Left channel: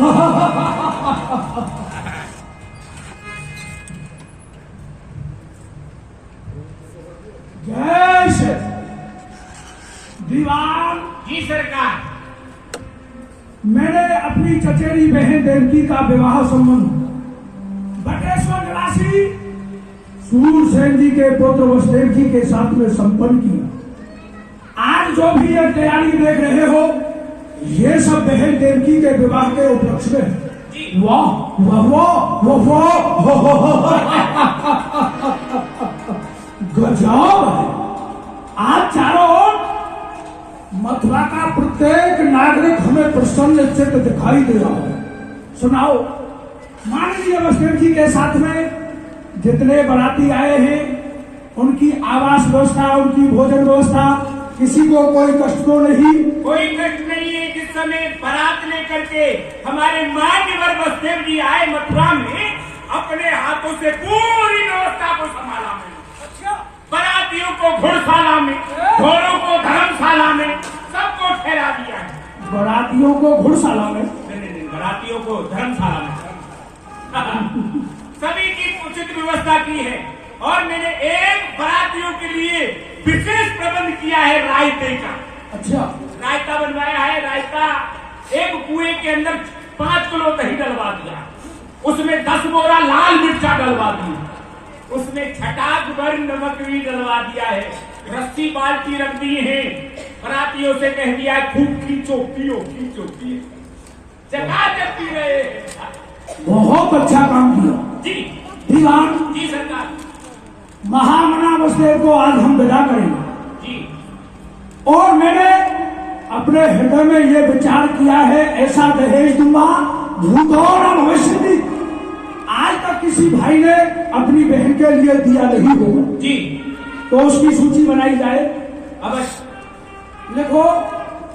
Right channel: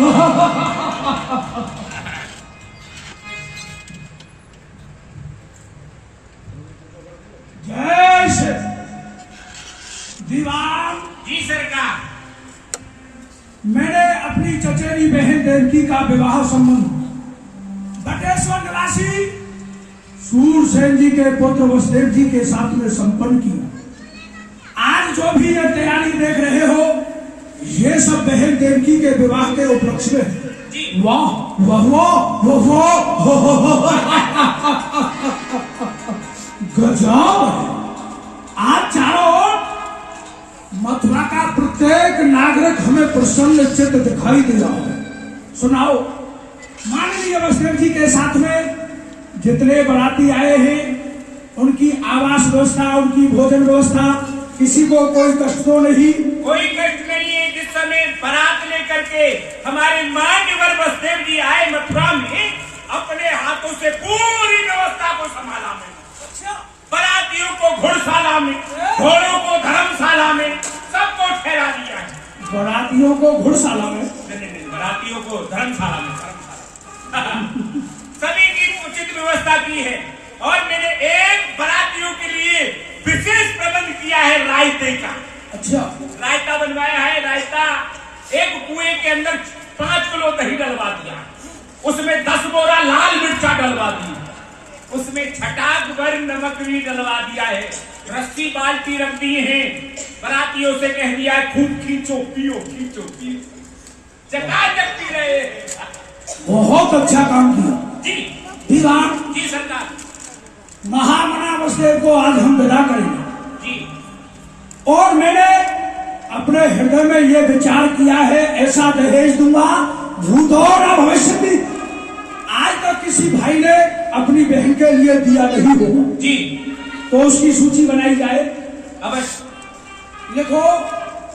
जय दीवान जी सरकार। मैंने अपनी चचेरी बहन देवकी का विवाह संबंध बटेश्वर निवासी सूरसेन जी के पुत्र वसुदेव जी के साथ में संपन्न किया। आज जो भी ये तैयारी देख रहे हो, ये सब बहन देवकी के विवाह के उपलक्ष्य में है। वाह वाह वाह वाह गजब। आज चारों ओर मथुरा का प्रत्येक नागरिक हमें प्रसन्न चित्त दिखाई दे रहा है। सुनाओ, माननीय वसुदेव जी के साथ में जितने बाराती आए हैं, उनकी आवास व्यवस्था, उनकी भोजन व्यवस्था, किसी को कोई कष्ट तो नहीं? कोई कष्ट नहीं है। जिस समय बारात लेकर के हमारे मान्यवर वसुदेव जी आए मथुरा में, अपने हाथों से पूरी व्यवस्था को संभाला मैंने। बारातियों को घुड़शाला में, घोड़ों को धर्मशाला में, सबको ठहरा दिया है। बारातियों को घुड़शाला में? नहीं, बारातियों को धर्मशाला में। सभी की उचित व्यवस्था की है। और मैंने एक बारातियों के लिए विशेष प्रबंध किया है रायते का। अच्छा, रायता बनवाया है। रायता एक कुएं के अंदर 5 किलो दही डलवा दिया, उसमें 10 बोरा लाल मिर्चा डलवा दी, उसमें छटाक भर नमक भी डलवा दिया है। रस्सी बाल्टी रख दी है। बारातियों से कह दिया है खूब खींचो पियो, खींचो पियो, चकाचक पी रहे हैं। बहुत अच्छा काम किया जी दीवान। जी सरकार। महामना वसुदेव को आज हम विदा करेंगे जी। और मैंने अपने हृदय में ये विचार किया है, ऐसा दहेज दूंगा भूत और भविष्य में आज तक किसी भाई ने अपनी बहन के लिए दिया नहीं होगा। जी, तो उसकी सूची बनाई जाए। अवश्य। लिखो,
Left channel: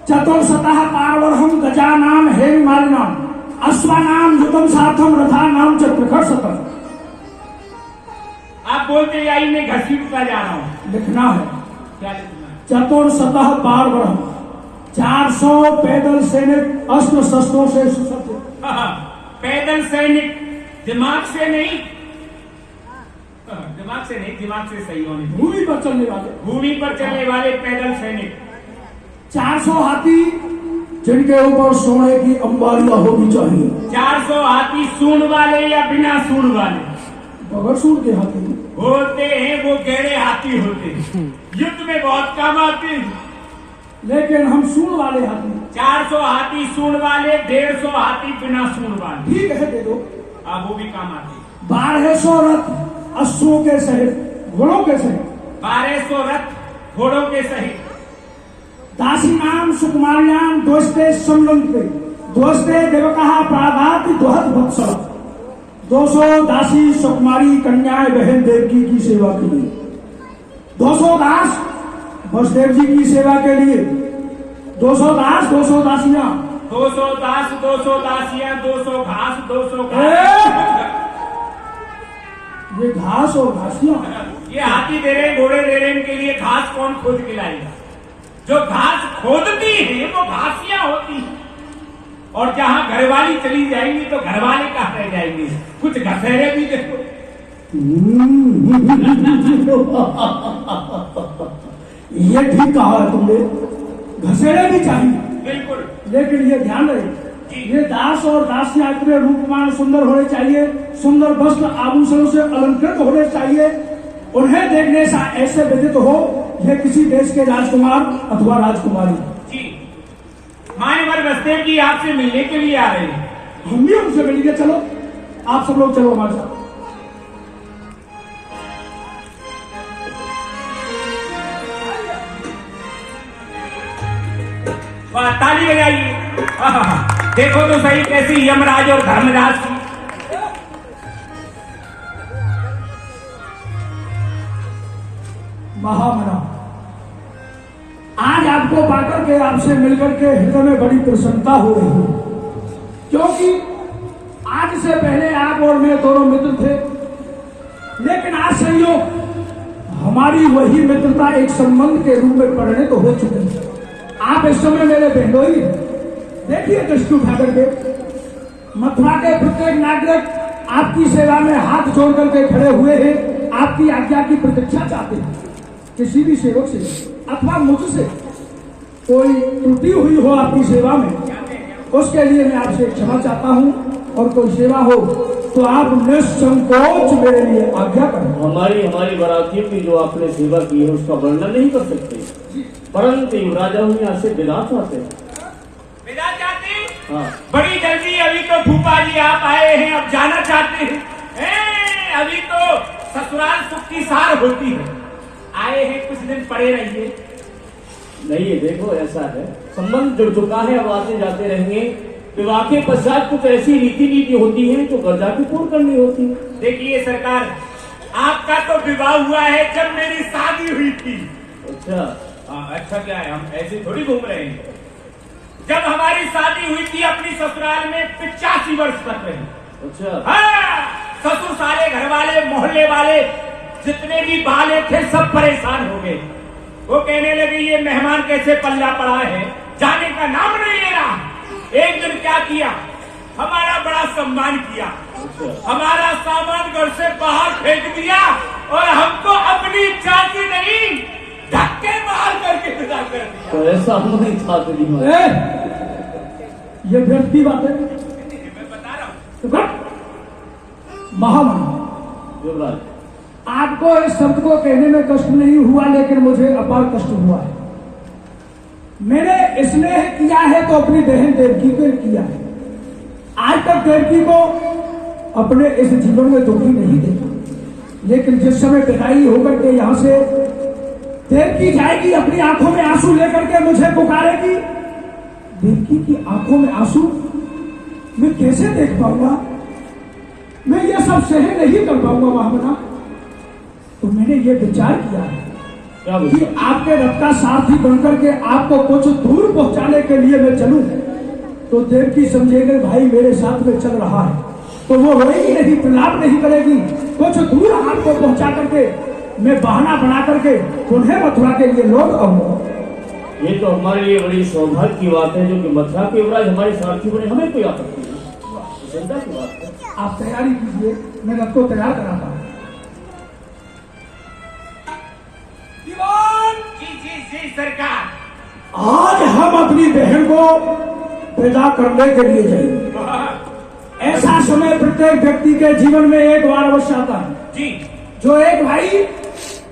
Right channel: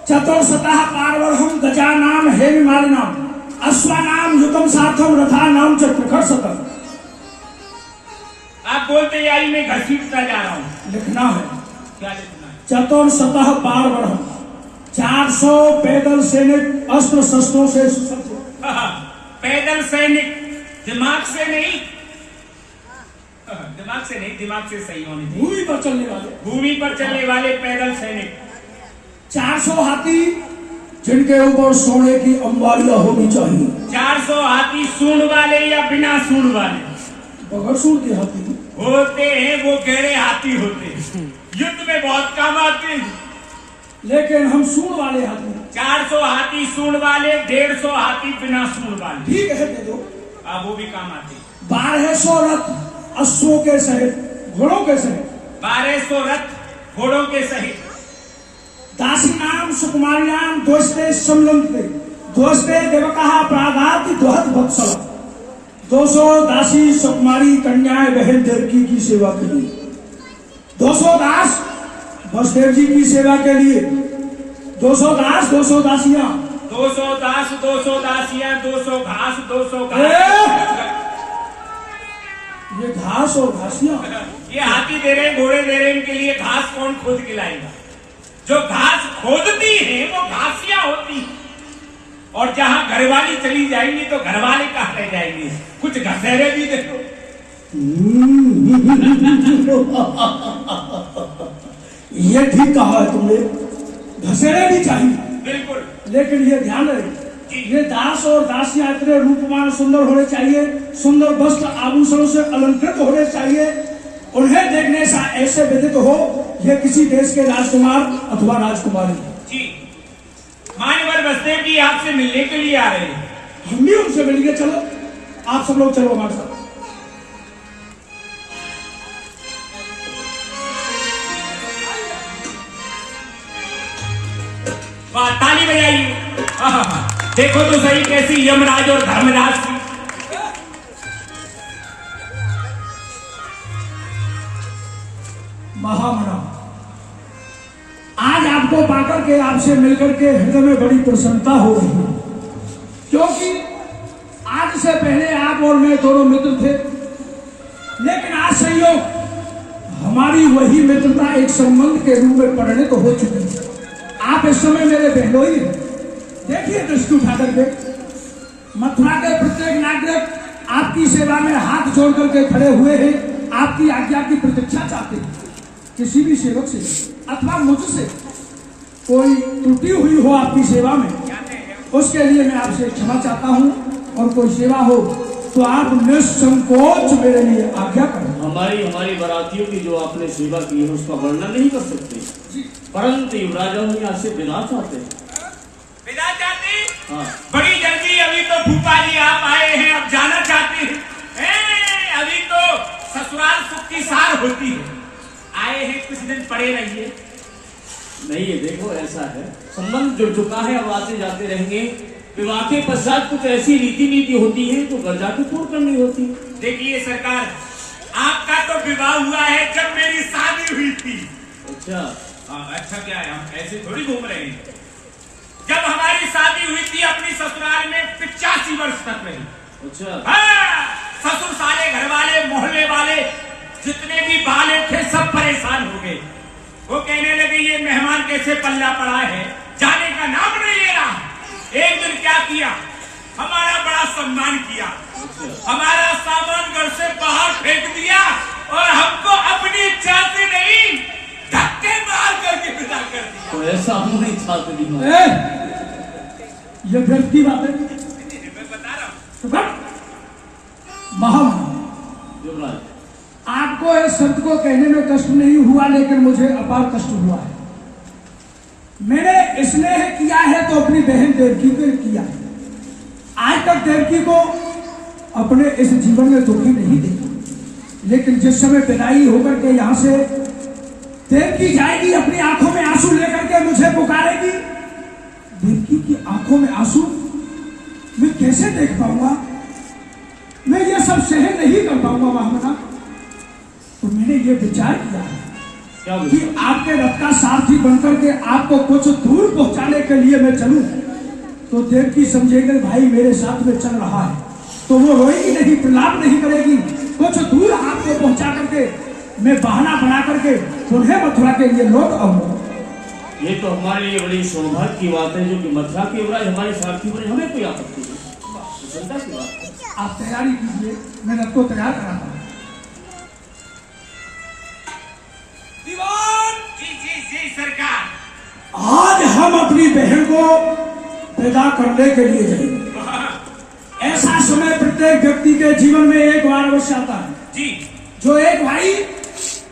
चतुर्शतः पार्वणहम गजानाम हेममालिनाम अश्वानाम युगम साथम रथानाम च प्रखर शतम। आप बोलते जाइए, मैं घसीटता जा रहा हूँ। लिखना है। क्या लिखना है? चतुर्शतः पार्वणहम, 400 पैदल सैनिक अस्त्र शस्त्रों से सुसज्जित। पैदल सैनिक, दिमाग से नहीं, दिमाग से नहीं, दिमाग से सही होने चाहिए। भूमि पर चलने वाले, भूमि पर चलने वाले पैदल सैनिक। 400 हाथी जिनके ऊपर सोने की अंबारियां होनी चाहिए। 400 हाथी सूंड वाले या बिना सूंड वाले? बगैर सूंड के हाथी होते हैं, वो गहरे हाथी होते हैं, युद्ध में बहुत काम आते हैं। लेकिन हम सूंड वाले हाथी। 400 हाथी सूंड वाले, 150 हाथी बिना सूंड वाले। ठीक है, दे दो। आप वो भी काम आते हैं। 1200 रथ अश्वों के सहित, घोड़ों के सहित। 1200 रथ घोड़ों के सहित। दासी नाम सुकुमारियां दोस्ते समलंते दोस्ते देवकहा प्रागाति दोहत वत्सल। 200 दासी सुकुमारी कन्याएं बहन देवकी की सेवा के लिए। 200 दास वसुदेव जी की सेवा के लिए। 200 दास, 200 दासियां। 200 दास, 200 दासियां, 200 घास, 200 घास। ये घास और घासियां, ये हाथी दे रहे, घोड़े दे रहे, इनके लिए घास कौन खोद के लाएगा? जो घास खोदती है वो घासियां होती हैं। और जहां घरवाली चली जाएंगी तो घरवाले कहाँ रह जाएंगे? कुछ घसेरे भी देखो। ये ठीक कहा है तुमने, घसेरे भी चाहिए। बिल्कुल। लेकिन ये ध्यान रहे, ये दास और दासियां इतने रूपवान सुंदर होने चाहिए, सुंदर वस्त्र आभूषणों से अलंकृत होने चाहिए। उन्हें देखने से ऐसे विदित हो ये किसी देश के राजकुमार अथवा राजकुमारी। जी, मान्यवर वसुदेव जी आपसे मिलने के लिए आ रहे हैं। हम भी उनसे मिलेंगे। चलो, आप सब लोग चलो हमारे साथ। वाह, ताली बजाइए। देखो तो सही कैसी यमराज और धर्मराज की। महामना, आज आपको पाकर के, आपसे मिलकर के हृदय में बड़ी प्रसन्नता हो रही है, क्योंकि आज से पहले आप और मैं दोनों मित्र थे, लेकिन आज संयोग हमारी वही मित्रता एक संबंध के रूप में परिणत हो चुकी है। आप इस समय मेरे बहनोई हैं। देखिए दृष्टि उठा करके, मथुरा के प्रत्येक नागरिक आपकी सेवा में हाथ जोड़ करके खड़े हुए हैं, आपकी आज्ञा की प्रतीक्षा चाहते हैं। किसी भी सेवक से अथवा मुझसे कोई त्रुटि हुई हो आपकी सेवा में, उसके लिए मैं आपसे क्षमा चाहता हूँ, और कोई सेवा हो तो आप निसंकोच मेरे लिए आज्ञा करें। हमारी बारातियों की जो आपने सेवा की है उसका वर्णन नहीं कर सकते, परंतु युवराजा हम यहाँ से विदा चाहते हैं। विदा चाहते हैं? हाँ। बड़ी जल्दी, अभी तो फूफा जी आप आए हैं, अब जाना चाहते हैं? अभी तो ससुराल सुख की सार होती है, आए हैं कुछ दिन पड़े रहिए। नहीं है, देखो ऐसा है, संबंध जुड़ चुका है, अब आते जाते रहेंगे। विवाह के पश्चात कुछ ऐसी रीति नीति होती है जो गर्जा की पूर्ण करनी होती है। देखिए सरकार, आपका तो विवाह हुआ है जब मेरी शादी हुई थी। अच्छा। अच्छा क्या है, हम ऐसे थोड़ी घूम रहे हैं। जब हमारी शादी हुई थी अपनी ससुराल में 85 वर्ष तक रही। अच्छा। हाँ, ससुर सारे घर वाले मोहल्ले वाले जितने भी बाले थे सब परेशान हो गए। वो कहने लगे ये मेहमान कैसे पल्ला पड़ा है, जाने का नाम नहीं ले रहा। एक दिन क्या किया, हमारा बड़ा सम्मान किया, हमारा सामान घर से बाहर फेंक दिया और हमको अपनी इच्छा से नहीं धक्के मार करके विदा कर दिया। तो ऐसा हम नहीं चाहते भी। ये व्यर्थ की बात है, मैं बता रहा हूँ। महामहिम युवराज, आपको इस शब्द को कहने में कष्ट नहीं हुआ, लेकिन मुझे अपार कष्ट हुआ है। मैंने स्नेह किया है तो अपनी बहन देवकी को किया है। आज तक देवकी को अपने इस जीवन में दुखी नहीं देखा, लेकिन जिस समय विदाई होकर के यहाँ से देवकी जाएगी, अपनी आंखों में आंसू लेकर के मुझे पुकारेगी। देवकी की आंखों में आंसू मैं कैसे देख पाऊंगा, मैं ये सब सहन नहीं कर पाऊंगा महामना। तो मैंने ये विचार किया है कि आपके रथ का सारथी बनकर के आपको कुछ दूर पहुंचाने के लिए मैं चलूं, तो देवकी समझेगी भाई मेरे साथ में चल रहा है, तो वो रोएगी नहीं, प्रलाप नहीं करेगी। कुछ दूर आपको पहुंचा करके मैं बहाना बना करके उन्हें मथुरा के लिए लौट आऊंगा। ये तो हमारे लिए बड़ी सौभाग्य की बात है जो कि मथुरा के युवराज हमारे सारथी बने, हमें कोई आपत्ति नहीं, चिंता की बात है। आप तैयारी कीजिए, मैं रथ को तैयार कराता हूँ। जी सरकार, आज हम अपनी बहन को पैदा करने के लिए जाएंगे। ऐसा समय प्रत्येक व्यक्ति के जीवन में एक बार अवश्य आता है जी, जो एक भाई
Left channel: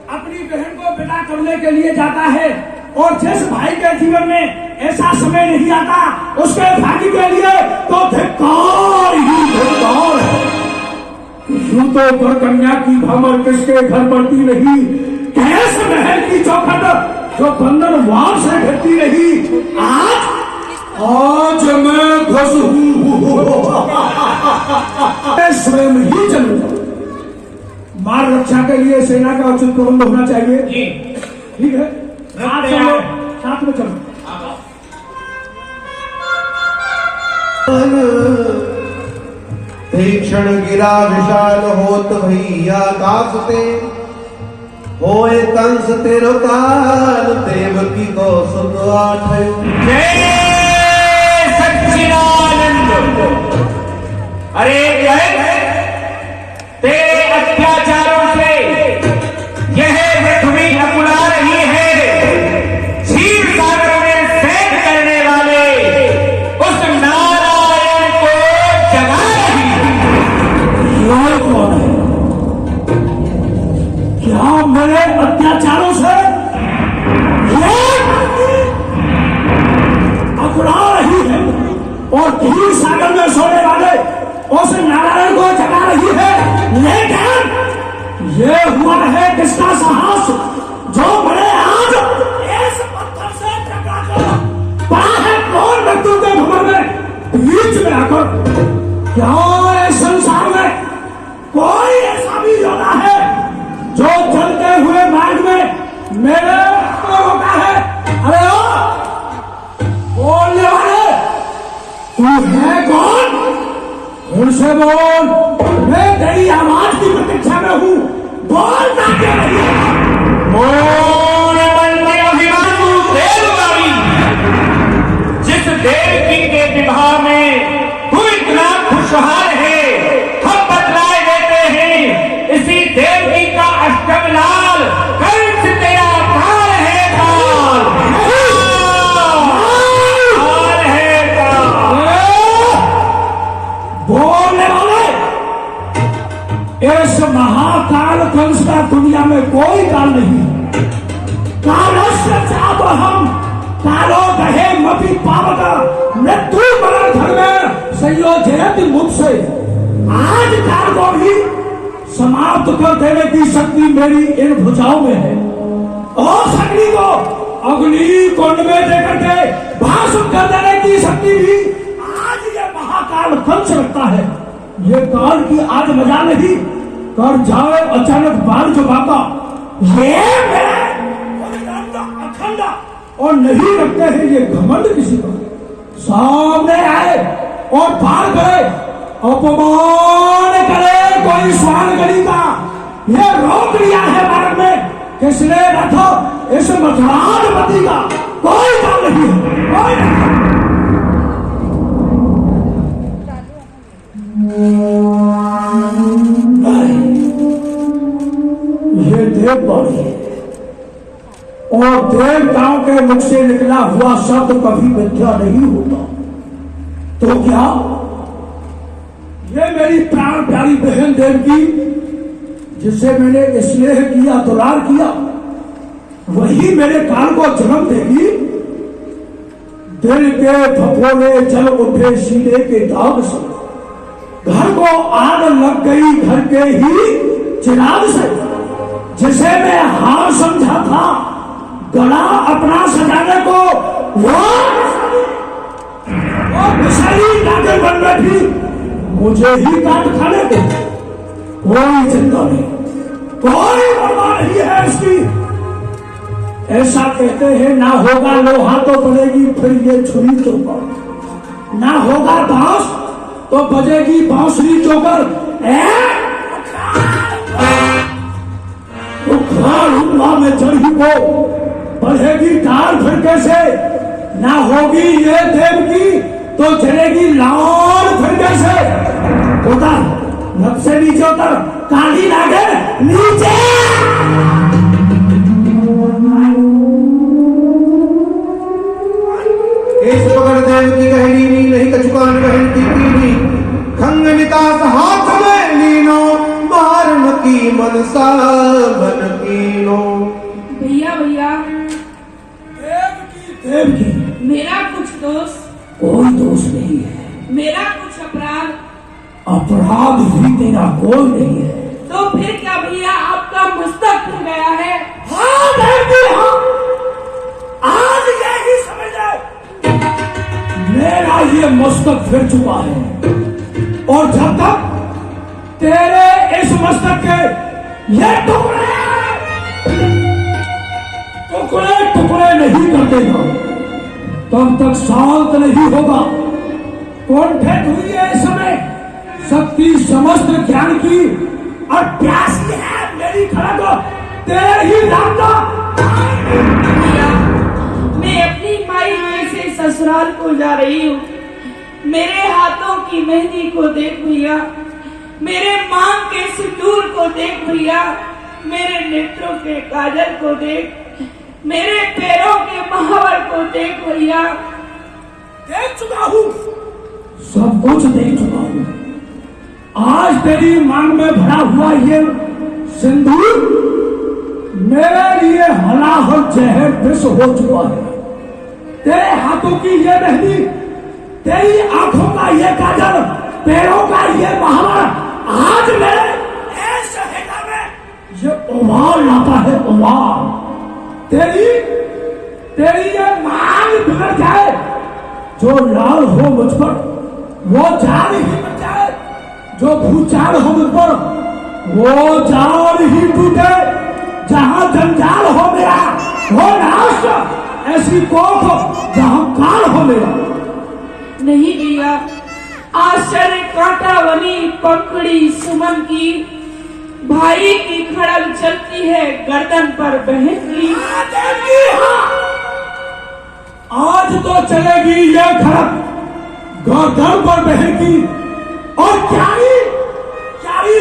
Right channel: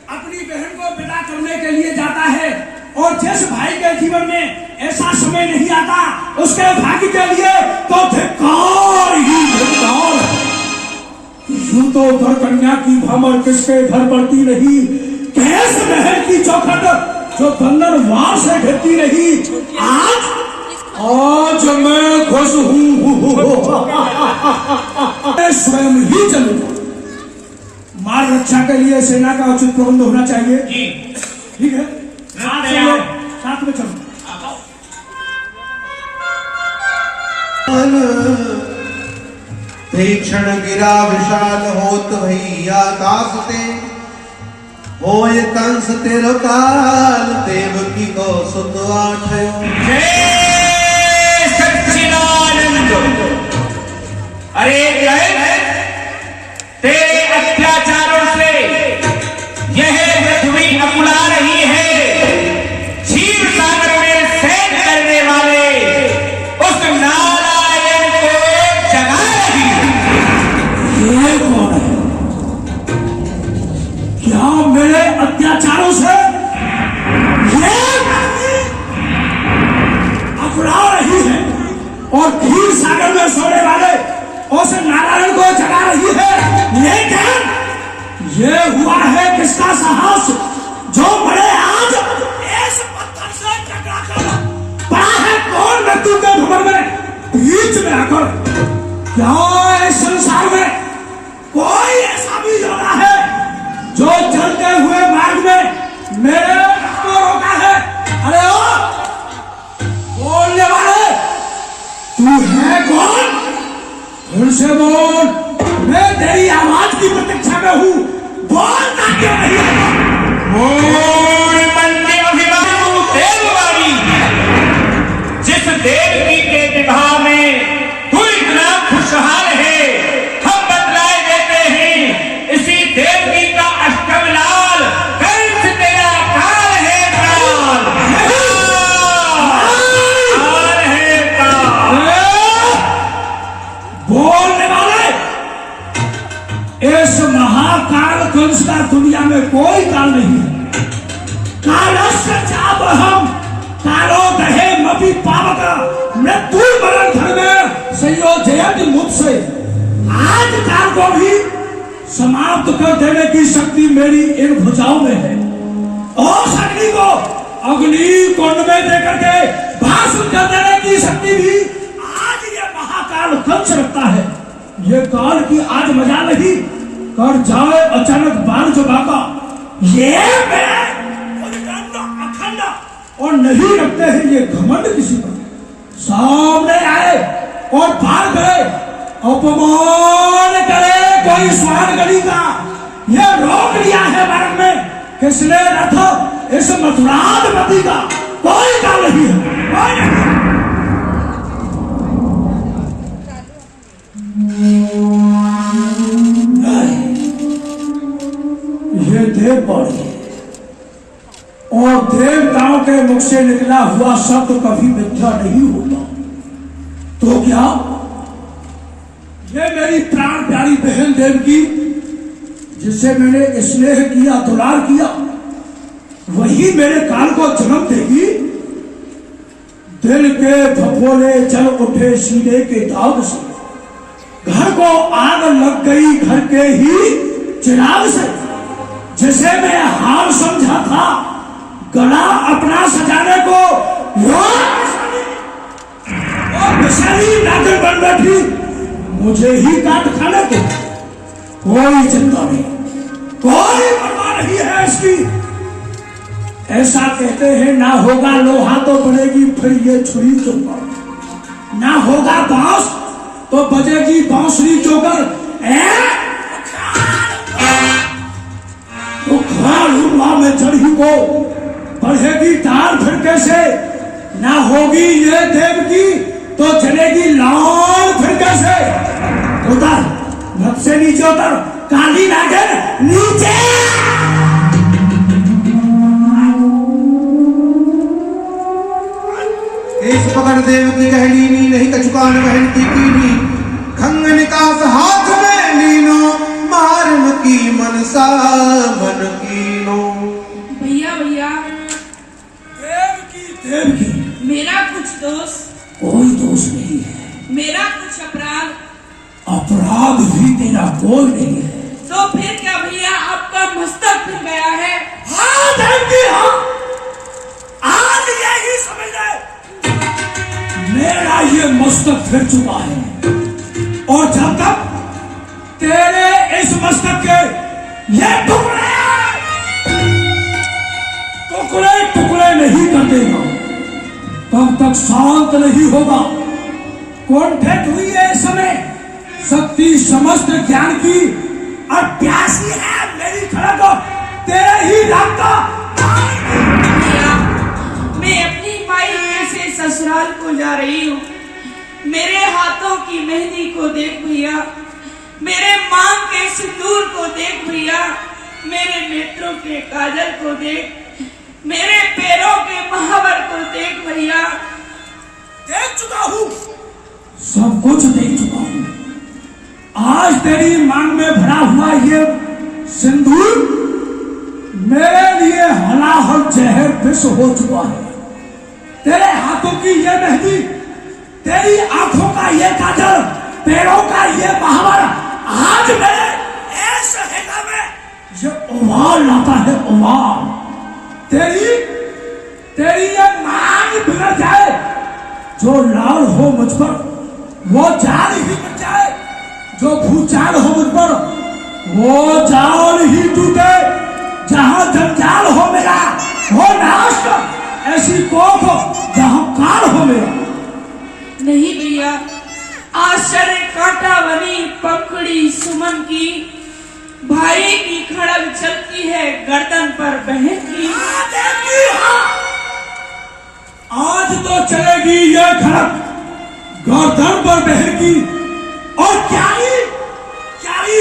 अपनी बहन को पैदा करने के लिए जाता है, और जिस भाई के जीवन में ऐसा समय नहीं आता उसके भाग्य के लिए तो धिक्कार ही धिक्कार है। जूतों पर कन्या की भ्रमर किसके घर बढ़ती नहीं, कैस महल की चौखट जो बंधन वार से ढकती रही। आज मैं खुश हूँ, स्वयं ही चलूंगा। मार्ग रक्षा के लिए सेना का उचित प्रबंध होना चाहिए। ठीक है, साथ में चलो। तीक्षण गिरा विशाल होत भैया आकाश से, होए कंस तेरो काल देवकी को सुत आठयो। जय सच्चिदानंद। अरे तेरे अत्याचारों से यह पृथ्वी अकुला रही है। क्षीर सागर में सैर करने वाले उस नारायण को जगा रही ये कौन है? क्या मेरे अत्याचारों से अकुला रही है और क्षीर सागर में सोने वाले उस नारायण को जगा रही है? लेकिन ये हुआ है किसका साहस जो बड़े आज इस पत्थर से टकराकर पड़ा है? कौन मृत्यु के भंवर में बीच में आकर? क्या इस संसार में कोई ऐसा भी होता है जो चलते हुए मार्ग में मेरे को रोका है? अरे ओ बोलने वाले, तू है कौन? उनसे बोल, मैं तेरी आवाज की प्रतीक्षा में हूँ, बोलता क्यों नहीं? जिस देवकी के विवाह में तू इतना खुश इस महाकाल कंस का दुनिया में कोई काल नहीं है। कालस्य चापहम कालो दहे मपि पावक मृत्यु मरण धर्म संयोजयति मुझसे। आज काल को भी समाप्त कर देने की शक्ति मेरी इन भुजाओं में है। और अग्नि को अग्नि कुंड में देकर के भाषण कर देने की शक्ति भी आज ये महाकाल कंस रखता है। ये काल की आज मजा नहीं कर जाए अचानक बाढ़ जो बाका ये अखंड और नहीं रखते हैं ये घमंड किसी का। सामने आए और पार करे अपमान करे कोई स्वान गली का ये रोक लिया है भारत में किसने रथ इस मथुरान पति का कोई काम नहीं है, कोई नहीं। ये देव बाणी है और देवताओं के मुख से निकला हुआ शब्द कभी मिथ्या नहीं होगा। तो क्या ये मेरी प्राण प्यारी बहन देवकी जिसे मैंने स्नेह किया दुलार किया वही मेरे काल को जन्म देगी। दिल के फफोले जल उठे सीने के दाग से घर को आग लग गई घर के ही चिराग से। जिसे मैं हार समझा था गला अपना सजाने को वो विषाली नाचे बन बैठी मुझे ही काट खाने को। कोई चिंता नहीं कोई परवाह नहीं है इसकी। ऐसा कहते हैं ना होगा लोहा तो पड़ेगी फिर ये छुरी चौकर, ना होगा बांस तो बजेगी बांसुरी चौकर। में चढ़ी को बढ़ेगी तार फिरके से, ना होगी ये देव की तो चलेगी लाल फिरके से। उतर नब से नीचे उतर काली नागे नीचे। केस पकड़ देव की गहली नी नहीं कछुकान बहन की कीनी खंग निकास हाथ में लीनो मारन की मनसा मन कीनो। भैया भैया देव की मेरा कुछ दोष कोई दोष नहीं है। मेरा कुछ अपराध अपराध भी तेरा कोई नहीं है। तो फिर क्या भैया आपका मस्तक फिर गया है? हाँ देव की हाँ आज यही समझ ले मेरा ये मस्तक फिर चुका है और जब तक तेरे इस मस्तक के ये टुकड़े टुकड़े टुकड़े नहीं कर देगा तब तक शांत नहीं होगा। कुंठित हुई है इस समय शक्ति समस्त ज्ञान की और प्यासी है मेरी खड़ा को तेरे ही राम का। मैं अपनी माई से ससुराल को जा रही हूँ। मेरे हाथों की मेहंदी को देख भैया, मेरे मांग के सिंदूर को देख भैया, मेरे नेत्रों के काजल को देख, मेरे पैरों के महावर को देख भैया। देख चुका हूँ सब कुछ देख चुका हूँ। आज तेरी मांग में भरा हुआ ये सिंदूर मेरे लिए हलाहल जहर विष हो चुका है। तेरे हाथों की ये मेहंदी, तेरी आंखों का ये काजल, पैरों का ये महावर आज मेरे ऐसे हृदय में ये उबाल लाता है उबाल। तेरी ये मांग बिगड़ जाए जो लाल हो मुझ पर वो जान ही बच जाए, जो भूचाल हो मुझ पर वो जान ही टूटे। जहां जंजाल हो मेरा वो नाश, ऐसी कोख जहां काल हो मेरा। नहीं भैया आश्चर्य कांटा बनी पकड़ी सुमन की, भाई की खड़ग चलती है गर्दन पर बहन की। आज तो चलेगी ये खड़ग गर्दन पर बहन की और क्यारी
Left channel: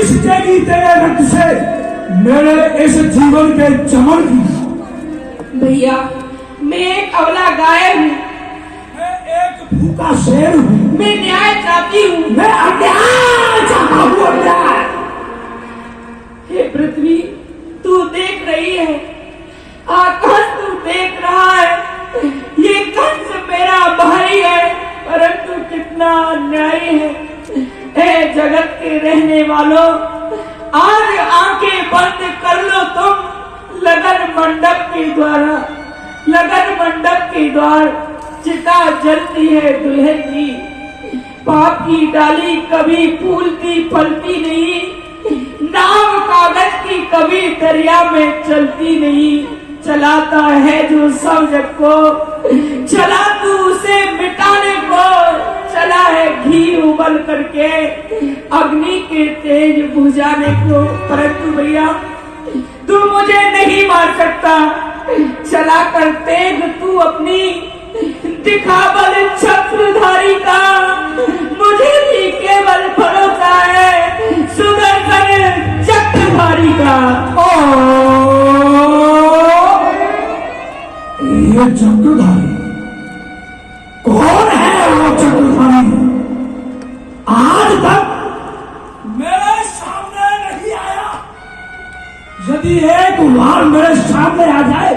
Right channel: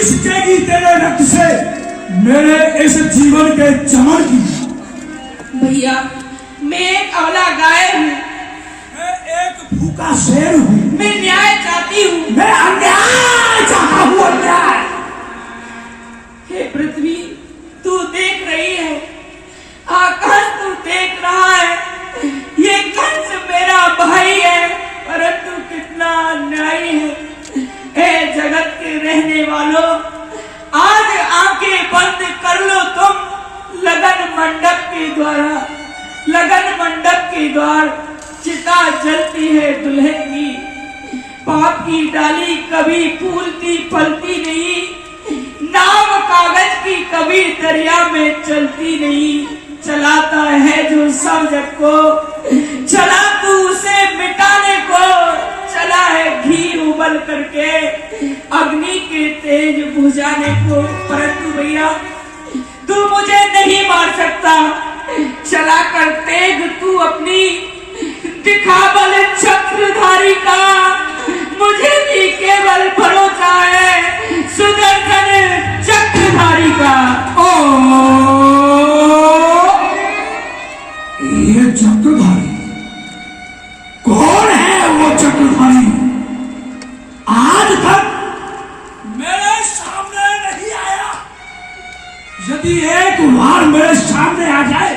सिंचेगी तेरे रक्त से मेरे इस जीवन के चमन की। भैया मैं एक अबला गाय हूँ, मैं एक भूखा शेर हूँ, मैं न्याय चाहती हूँ। मैं अन्याय चाहता हूँ अन्याय। रहने वालों, आज आंखें बंद कर लो तुम लगन मंडप के द्वारा। लगन मंडप के द्वार चिता जलती है दुल्हन की। पाप की डाली कभी फूलती फलती नहीं, नाव कागज की कभी दरिया में चलती नहीं। चलाता है जो सब जग को, चला तू उसे मिटाने को। चला है घी उबल करके अग्नि के तेज बुझाने को। परंतु भैया तू मुझे नहीं मार सकता। चला कर तेग तू अपनी दिखा बल चक्रधारी का। मुझे भी केवल भरोसा है सुदर्शन चक्रधारी का। ये चक्रधारी कौन है? वो चक्रधारी आज तक मेरे सामने नहीं आया। यदि एक बार मेरे सामने आ जाए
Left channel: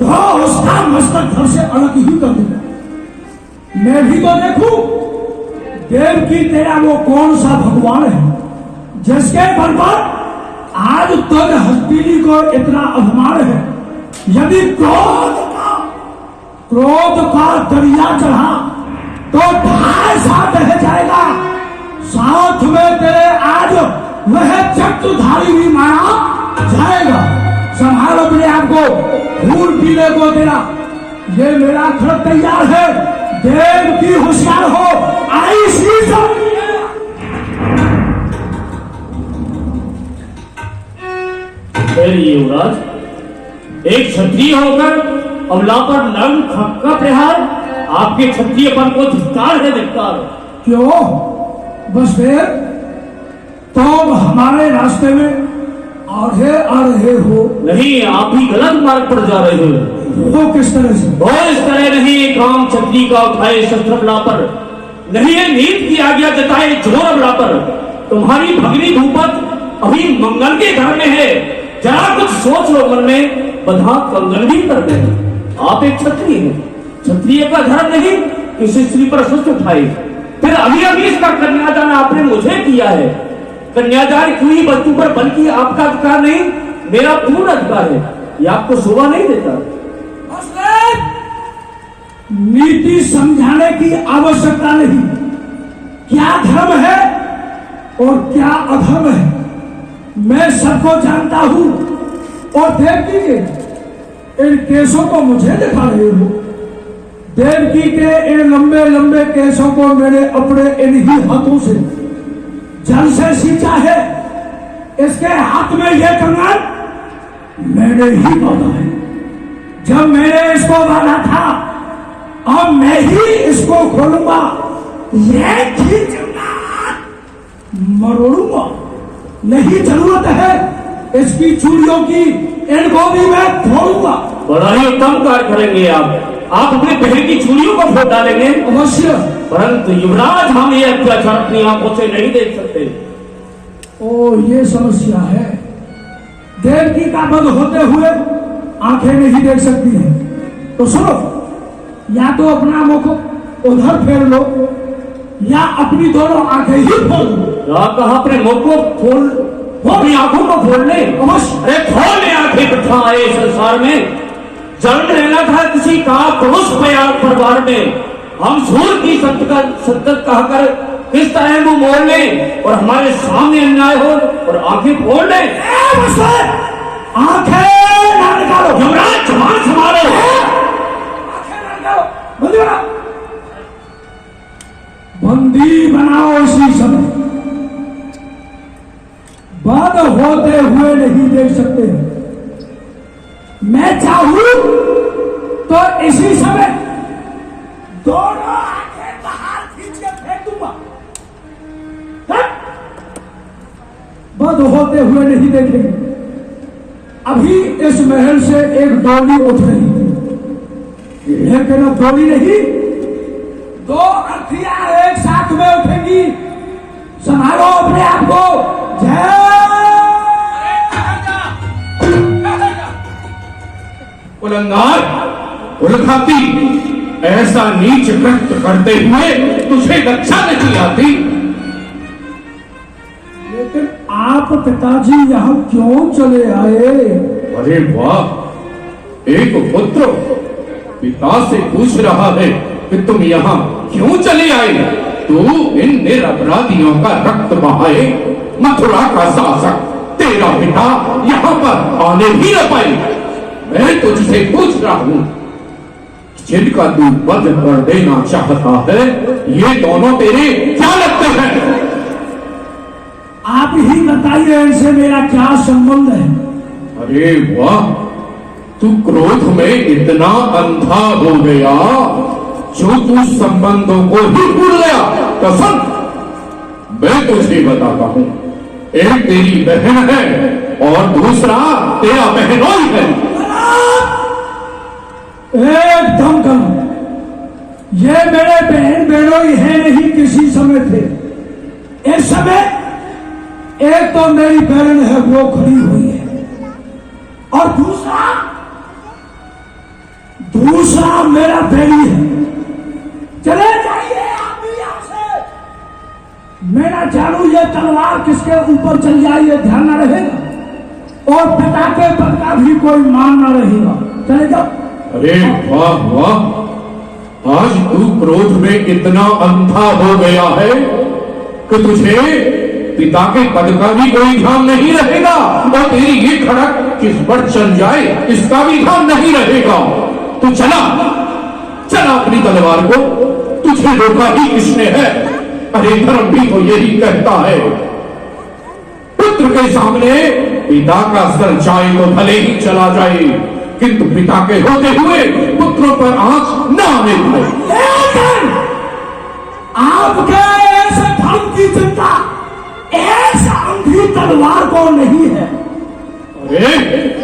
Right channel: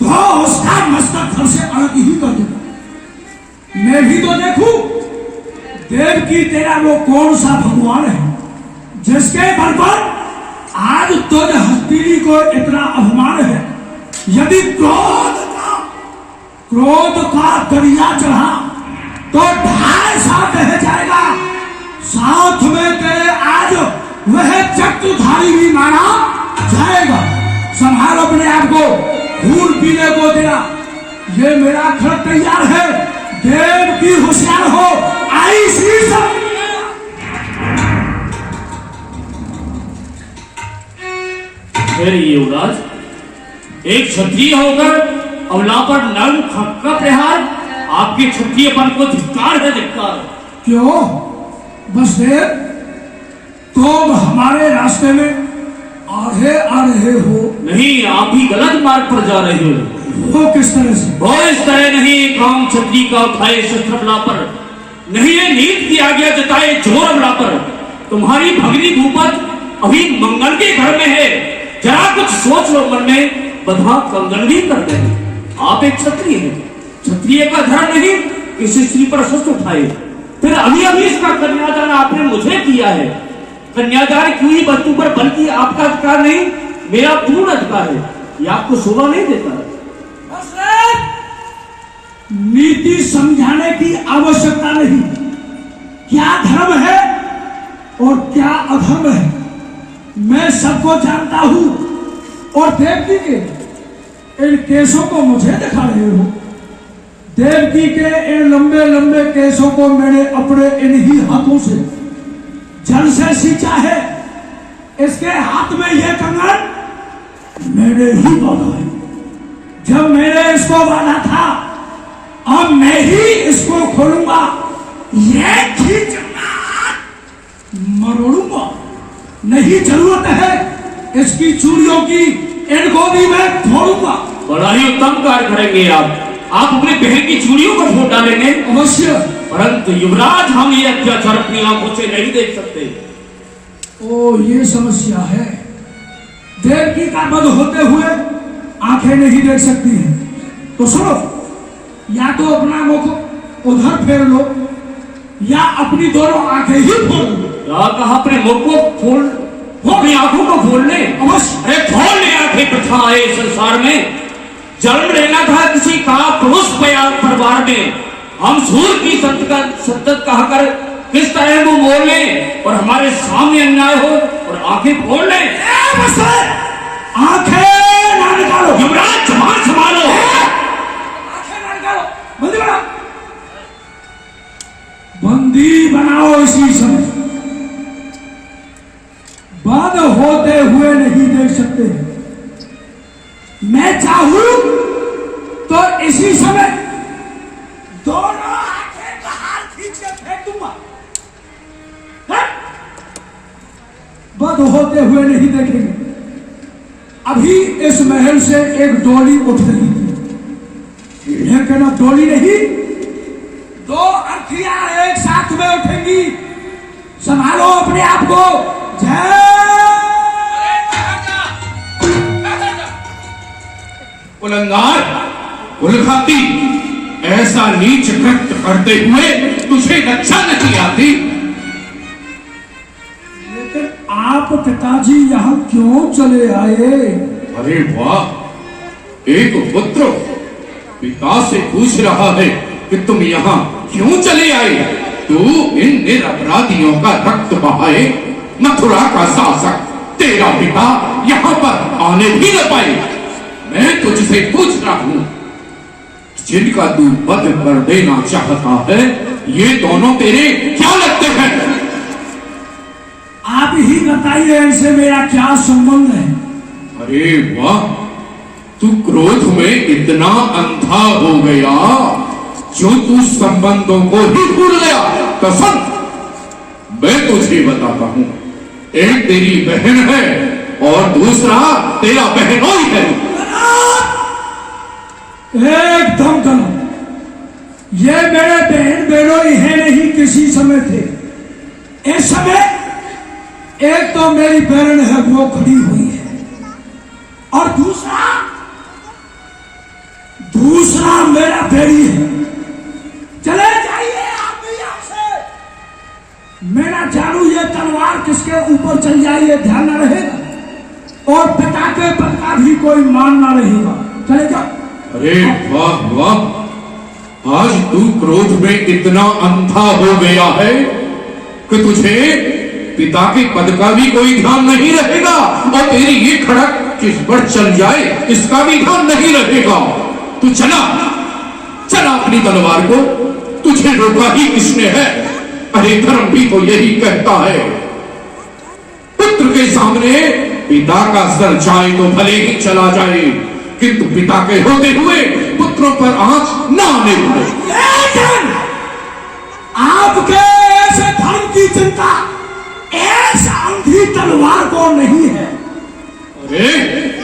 तो उसका मस्तक फर से अलग ही कर दूंगा। मैं भी तो देखूं देव की तेरा वो कौन सा भगवान है जिसके बल पर आज तुझ हस्तिनी को इतना अभिमान है। यदि क्रोध का दरिया चढ़ा तो ढाई सा बह जाएगा। साथ में तेरे आज वह चक्रधारी भी मारा जाएगा। संभाल अपने आप को, खून पीने को तेरा ये मेरा घर तैयार है। देव की होशियार हो, आई सी सब। युवराज, एक क्षत्रिय होकर अवला पर नर्म का प्रहार, आपके क्षत्रियपन को धिक्कार है, धिक्कार। क्यों बसदेव, तुम हमारे रास्ते में आगे आ रहे हो? नहीं, आप ही गलत मार्ग पर जा रहे हो। वो किस तरह से? वो इस तरह नहीं, काम क्षत्रिय का उठाए शस्त्र बला पर नहीं, है नीत की आज्ञा जताए जोर बला पर। तुम्हारी भगनी भूपत अभी मंगल के घर में है। जरा कुछ सोच लो मन में, बधा कंगन भी कर दे। आप एक क्षत्रिय हैं, क्षत्रिय का धर्म नहीं किसी स्त्री पर शस्त्र उठाए। फिर अभी इसका कन्यादान आपने मुझे किया है। कन्यादान की वस्तु पर बल्कि आपका अधिकार नहीं, मेरा पूर्ण अधिकार है। ये आपको शोभा नहीं देता। नीति समझाने की आवश्यकता नहीं। क्या धर्म है और क्या अधर्म है मैं सबको जानता हूं। और देव जी के इन केसों को मुझे दिखा रहे हो। देवकी के इन लंबे लंबे केसों को मैंने अपने इन्हीं हाथों से जल से सींचा है। इसके हाथ में यह कंगन मैंने ही बांधा है। जब मैंने इसको बांधा था, अब मैं ही इसको खोलूंगा। ये खींचूंगा, मरोड़ूंगा। नहीं जरूरत है इसकी चूड़ियों की, इनको भी मैं फोड़ूंगा। बड़ा ही उत्तम कार्य करेंगे आप अपने बहन की चूड़ियों को फोड़ डालेंगे अवश्य। परंतु युवराज, हम ये अत्याचार अपनी आंखों से नहीं देख सकते। ओ, ये समस्या है। देवकी का वध होते हुए आंखें नहीं देख सकती हैं। तो सुनो, या तो अपना मुख उधर फेर लो या अपनी दोनों आंखें ही फोड़ लो। या कहा अपने मुख को खोल, अपनी आंखों को खोल ले। अवश्य। अरे खोल ले आंखें, प्रथा आए संसार में। जन्म लेना था किसी का पुरुष परिवार में। हम सूर की संतत कहकर किस तरह वो मोड़ ले और हमारे सामने अन्याय हो और आंखें फोड़ ले। आंखें ना निकालो। युवराज, जवान संभालो। आंखें ना निकालो, बंदी बनाओ। बंदी बनाओ इसी समय। बंद होते हुए नहीं देख सकते। मैं चाहूं तो इसी समय दोनों आंखें बाहर खींच के फेंक दूंगा। बंद होते हुए नहीं देखेंगे। अभी इस महल से एक डोली उठ रही थी, लेकिन अब डोली नहीं, दो अर्थियां एक साथ में उठेंगी। संभालो अपने आप को। जय उलंगार, उलघाती, ऐसा नीच कृत्य करते हुए तुझे लज्जा नहीं आती? आप पिताजी यहाँ क्यों चले आए? अरे वाह, एक पुत्र पिता से पूछ रहा है कि तुम यहाँ क्यों चले आए? तू इन निरपराधियों का रक्त बहाए, मथुरा का शासक तेरा पिता यहाँ पर आने भी न पाए। मैं तुझसे पूछ रहा हूँ, जिनका तू वध कर देना चाहता है, ये दोनों तेरे क्या लगते हैं? आप ही बताइए, इनसे मेरा क्या संबंध है? अरे वाह, तू क्रोध में इतना अंधा हो गया जो तू संबंधों को ही भूल गया। तो सुन, मैं तुझे बताता हूं, एक तेरी बहन है और दूसरा तेरा बहनोई है। एकदम करो, ये मेरे बहन बहनोई है नहीं, किसी समय थे। इस समय एक तो मेरी बहन है, वो खड़ी हुई है, और दूसरा मेरा बेड़ी है। चले जाइए आप भी यहाँ से। मेरा जानू ये तलवार किसके ऊपर चल जाए ये ध्यान न रहेगा, और पिता के पद का भी कोई मान न रहेगा। चले जाओ। अरे वाह वाह, आज तू क्रोध में इतना अंधा हो गया है कि तुझे पिता के पद का भी कोई ध्यान नहीं रहेगा, और तेरी ये खड़क किस पर चल जाए इसका भी ध्यान नहीं रहेगा। तू चला अपनी तलवार को, तुझे रोका ही किसने है? अरे धर्म भी तो यही कहता है, पुत्र के सामने पिता का सर जाए तो भले ही चला जाए, किंतु पिता के होते हुए पुत्रों पर आंच न आने पाए। आपके ऐसे धर्म की चिंता ऐसा अंधी तलवार को नहीं है। अरे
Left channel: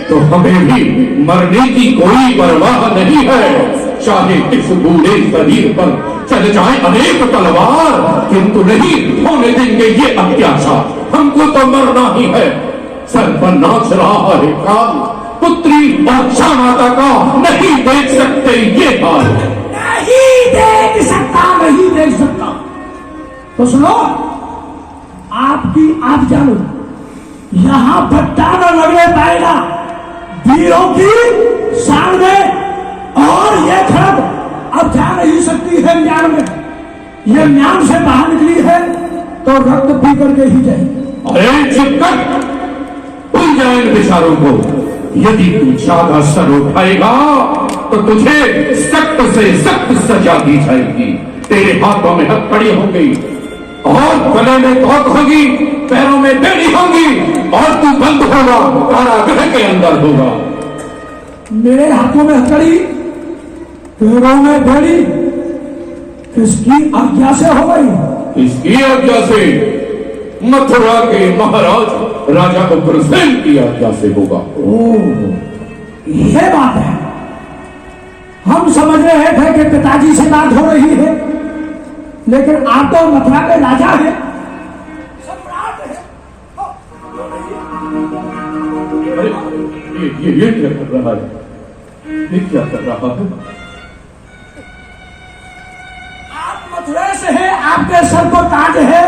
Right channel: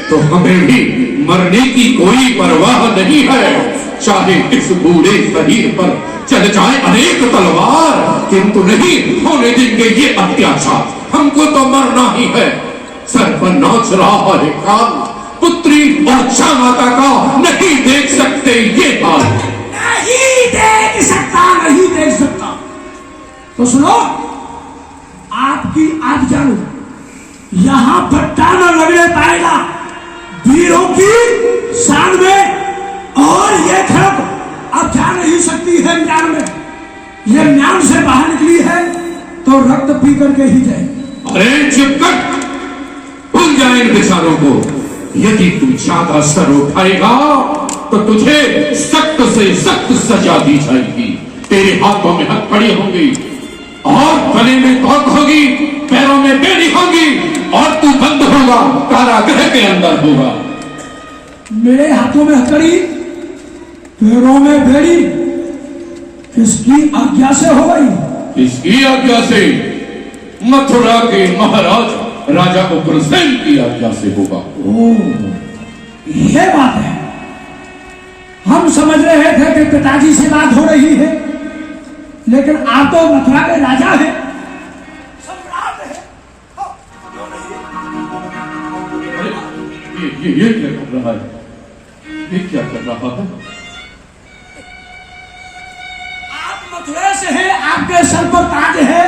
तो हमें भी मरने की कोई परवाह नहीं है, चाहे इस बूढ़े शरीर पर चल जाए अनेक तलवार, किंतु नहीं होने देंगे ये अत्याचार। हमको तो मरना ही है। सर पर नाच रहा है काल, पुत्री और माता का नहीं देख सकते ये हाल। नहीं देख सकता, नहीं देख सकता। तो सुनो, आप जानो, यहां भट्टा न लगने पाएगा वीरों की शान में, और ये खड़ग अब जा नहीं सकती है म्यान में। ये म्यान से बाहर निकली है तो रक्त पी करके ही जाए। अरे चुप कर, भूल जाए इन बेचारों को। यदि तू ज्यादा सर उठाएगा तो तुझे सख्त से सख्त सजा दी जाएगी। तेरे हाथों में हथकड़ी होंगी और गले में धौत होगी, पैरों में बेड़ी होगी, और तू बंद होगा, कारागृह के अंदर होगा। मेरे हाथों में हथकड़ी, पैरों में बेड़ी, किसकी आज्ञा से हो गई? इसकी आज्ञा से, मथुरा के महाराज राजा उग्रसेन की आज्ञा से होगा। ओह, ये बात है। हम समझ रहे थे कि पिताजी से बात हो रही है, लेकिन आप तो मथुरा के राजा हैं, सम्राट हैं। ये क्या कर रहा है? ये क्या कर रहा है? आप मथुरा से हैं, आपके सर पर ताज है,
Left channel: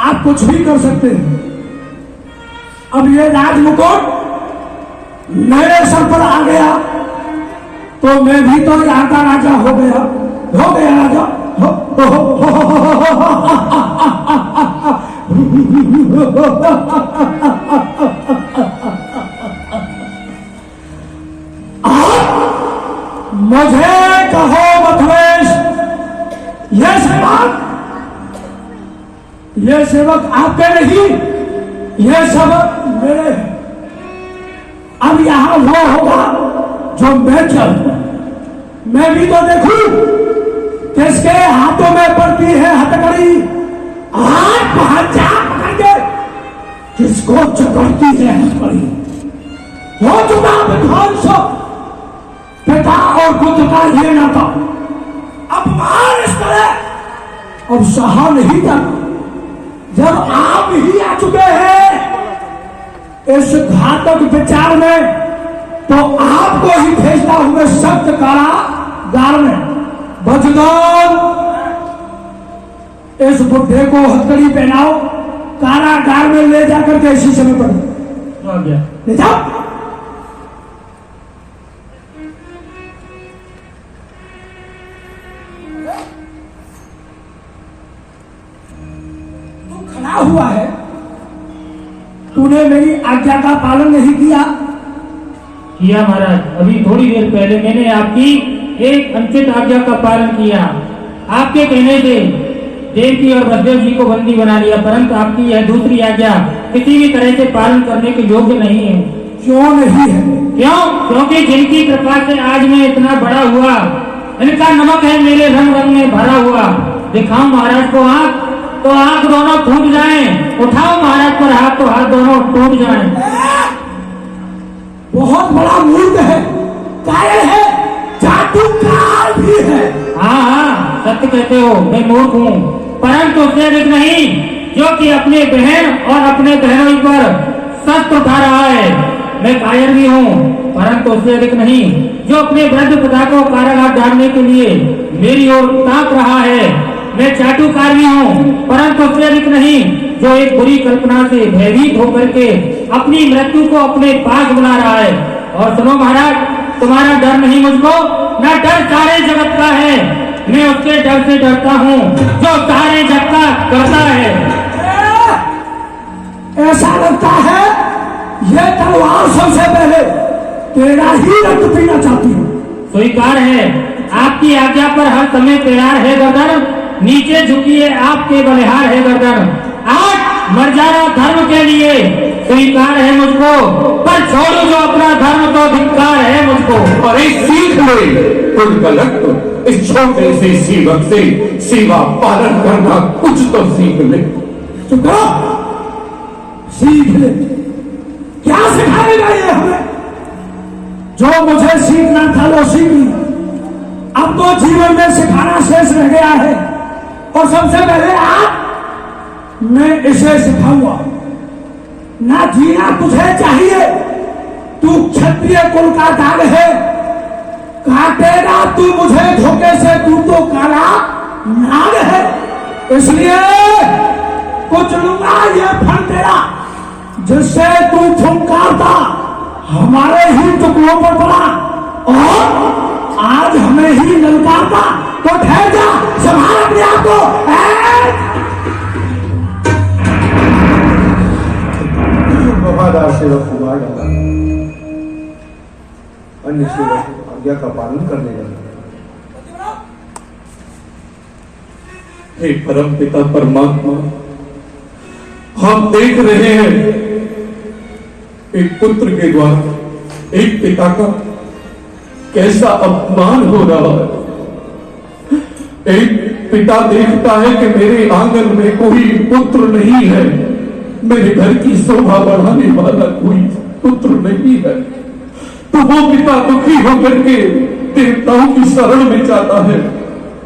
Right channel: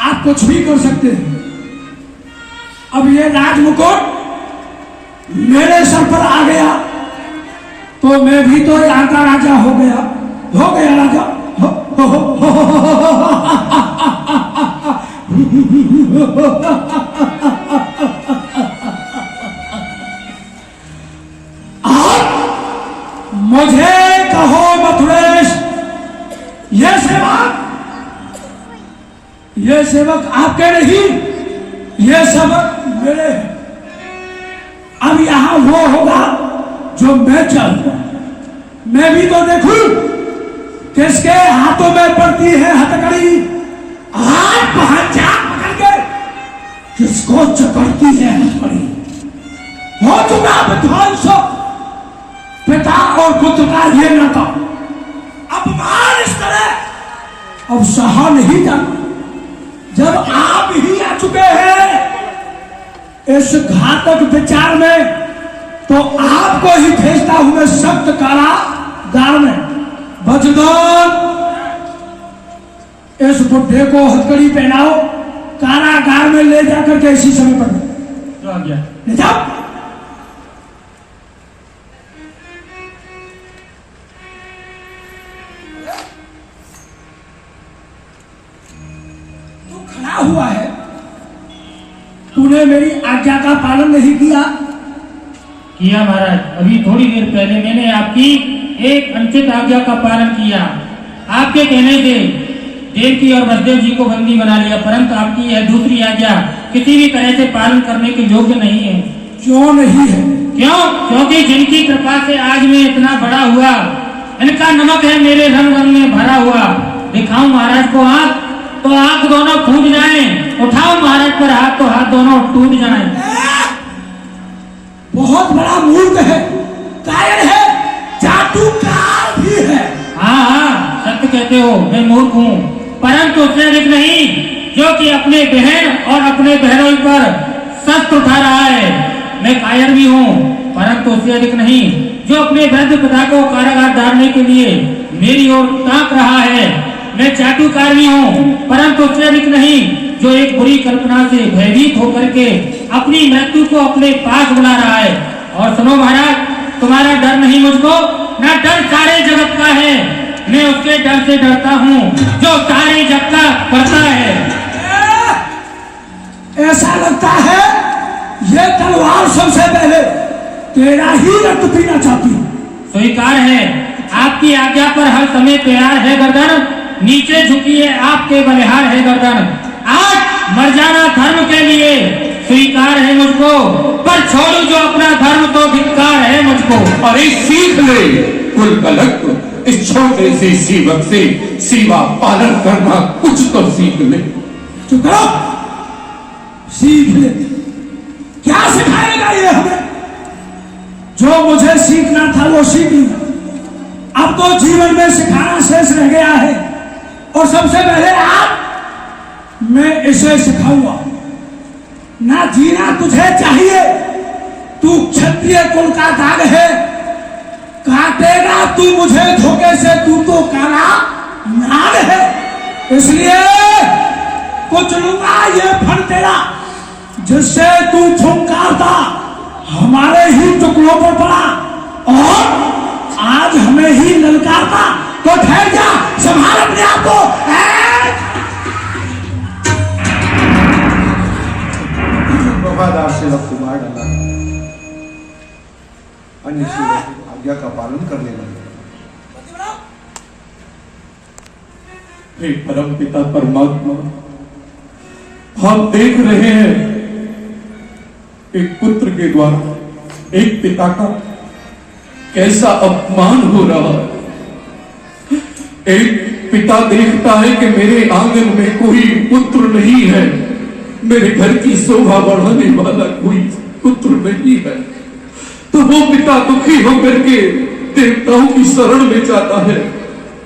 आप कुछ भी कर सकते हैं। अब ये राजमुकुट मेरे सर पर आ गया तो मैं भी तो यहाँ का राजा हो गया राजा। मुझे कहो मथुरेश, ये सेवक आपके नहीं, ये सब मेरे हैं। अब यहां वो होगा जो मैं चाहूंगा। मैं भी तो देखूं किसके हाथों में पड़ती है हथकड़ी, हाथ जा पकड़ के किसको चकड़ती है हथकड़ी। हो चुका विध्वंस पिता और पुत्र का ये नाता, अपमान इस तरह अब सहा नहीं जाता। जब आप ही आ चुके हैं इस घातक विचार में, तो आपको ही भेजता हूं मैं सख्त कारागार में। बजदान, इस बुढ़े को हथकड़ी पहनाओ कारागार में ले जाकर के इसी समय पर जो आ गया। ले जाओ। तू खड़ा हुआ है, तूने मेरी आज्ञा का पालन नहीं किया। किया महाराज, अभी थोड़ी देर पहले मैंने आपकी एक अनुचित आज्ञा का पालन किया। आपके कहने से देवकी और वसुदेव जी को बंदी बना लिया, परंतु आपकी यह दूसरी आज्ञा किसी भी तरह से पालन करने के योग्य नहीं है। क्यों नहीं है? क्यों? क्योंकि जिनकी कृपा से आज मैं इतना बड़ा हुआ, इनका नमक है मेरे रंग रंग में भरा हुआ। दिखाऊं महाराज को आंख, तो आंख दोनों फूट जाएं, उठाओ महाराज पर हाथ, तो हाथ दोनों टूट जाएं। बहुत बड़ा मूर्ख है, कायर है, जादूकार भी है। हाँ हाँ, सत्य कहते हो, मैं मूर्ख हूँ, परंतु उससे अधिक नहीं जो कि अपने बहन और अपने बहनों पर शस्त्र उठा रहा है। मैं कायर भी हूँ, परंतु उससे अधिक नहीं जो अपने वृद्ध पिता को कारागार डालने के लिए मेरी ओर ताक रहा है। मैं चाटुकार भी हूँ, परंतु उससे अधिक नहीं जो एक बुरी कल्पना से भयभीत होकर के अपनी मृत्यु को अपने पास बुला रहा है। और सुनो महाराज, तुम्हारा डर नहीं मुझको, न डर सारे जगत का है। मैं उसके डर से डरता हूँ जो सारे जगत का करता है। ऐसा लगता है ये तलवार सबसे पहले तेरा ही रक्त पीना चाहती है। स्वीकार है, आपकी आज्ञा पर हर समय तैयार है गर्दन, नीचे झुकी है आपके बलिहार है गर्दन। आज मर जाना धर्म के लिए स्वीकार है मुझको, पर छोड़ो जो अपना धर्म तो धिक्कार है मुझको। अरे सीख ले कुल इस छोटे से सेवक से सेवा पालन करना कुछ तो सीख ले। चुप करो, सीख ले। क्या सिखाएगा ये हमें? जो मुझे सीखना था वो सीख लिया, अब तो जीवन में सिखाना शेष रह गया है। और सबसे पहले आप मैं इसे सिखाऊंगा। ना जीना तुझे चाहिए, तू क्षत्रिय कुल का दाग है, काटेगा तू मुझे धोखे से, तू तो काला नाग है। इसलिए कुछ लूंगा ये फल तेरा, जिससे तू फुंकारता हमारे ही टुकड़ों पर पड़ा और आज हमें ही ललकारता। तो ठहर जा, संभाल अपने आप को। वफादार सेवक को मार डाला, अन्य सेवक आज्ञा का पालन करने लगे। हे परम पिता परमात्मा, हम देख रहे हैं एक पुत्र के द्वारा एक पिता का कैसा अपमान हो रहा है। एक पिता देखता है कि मेरे आंगन में कोई पुत्र नहीं है, मेरे घर की शोभा बढ़ाने वाला कोई पुत्र नहीं है, तो वो पिता दुखी होकर के देवताओं की शरण में जाता है,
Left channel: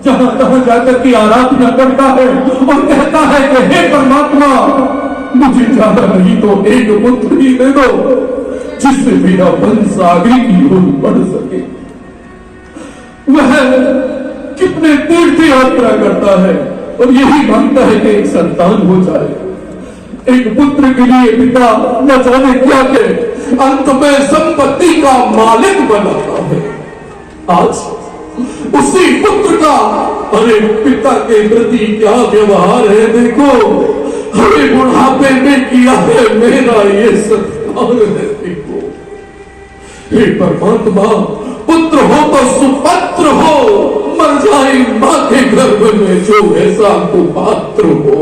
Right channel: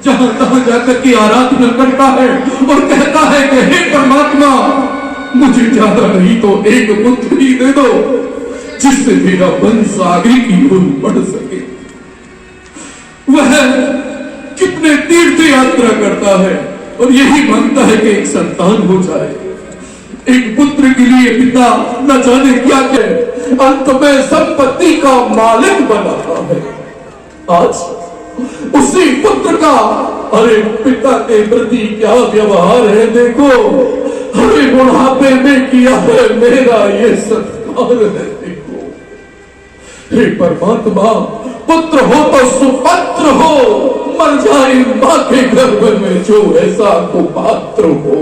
जहां तहां जाकर के आराधना करता है और कहता है कि हे परमात्मा, मुझे ज्यादा नहीं तो एक पुत्र ही दे दो, जिससे मेरा वंश आगे की ओर बढ़ सके। वह कितने तीर्थ यात्रा करता है और यही मांगता है कि एक संतान हो जाए। एक पुत्र के लिए पिता न जाने क्या करे, अंत में संपत्ति का मालिक बनाता है। आज उसी पुत्र का अरे पिता के प्रति क्या व्यवहार है देखो। हमें बुढ़ापे में किया है मेरा ये सत्कार है देखो। हे परमात्मा, पुत्र हो तो सुपत्र हो, मर जाए मां के गर्भ में जो ऐसा कुपात्र हो।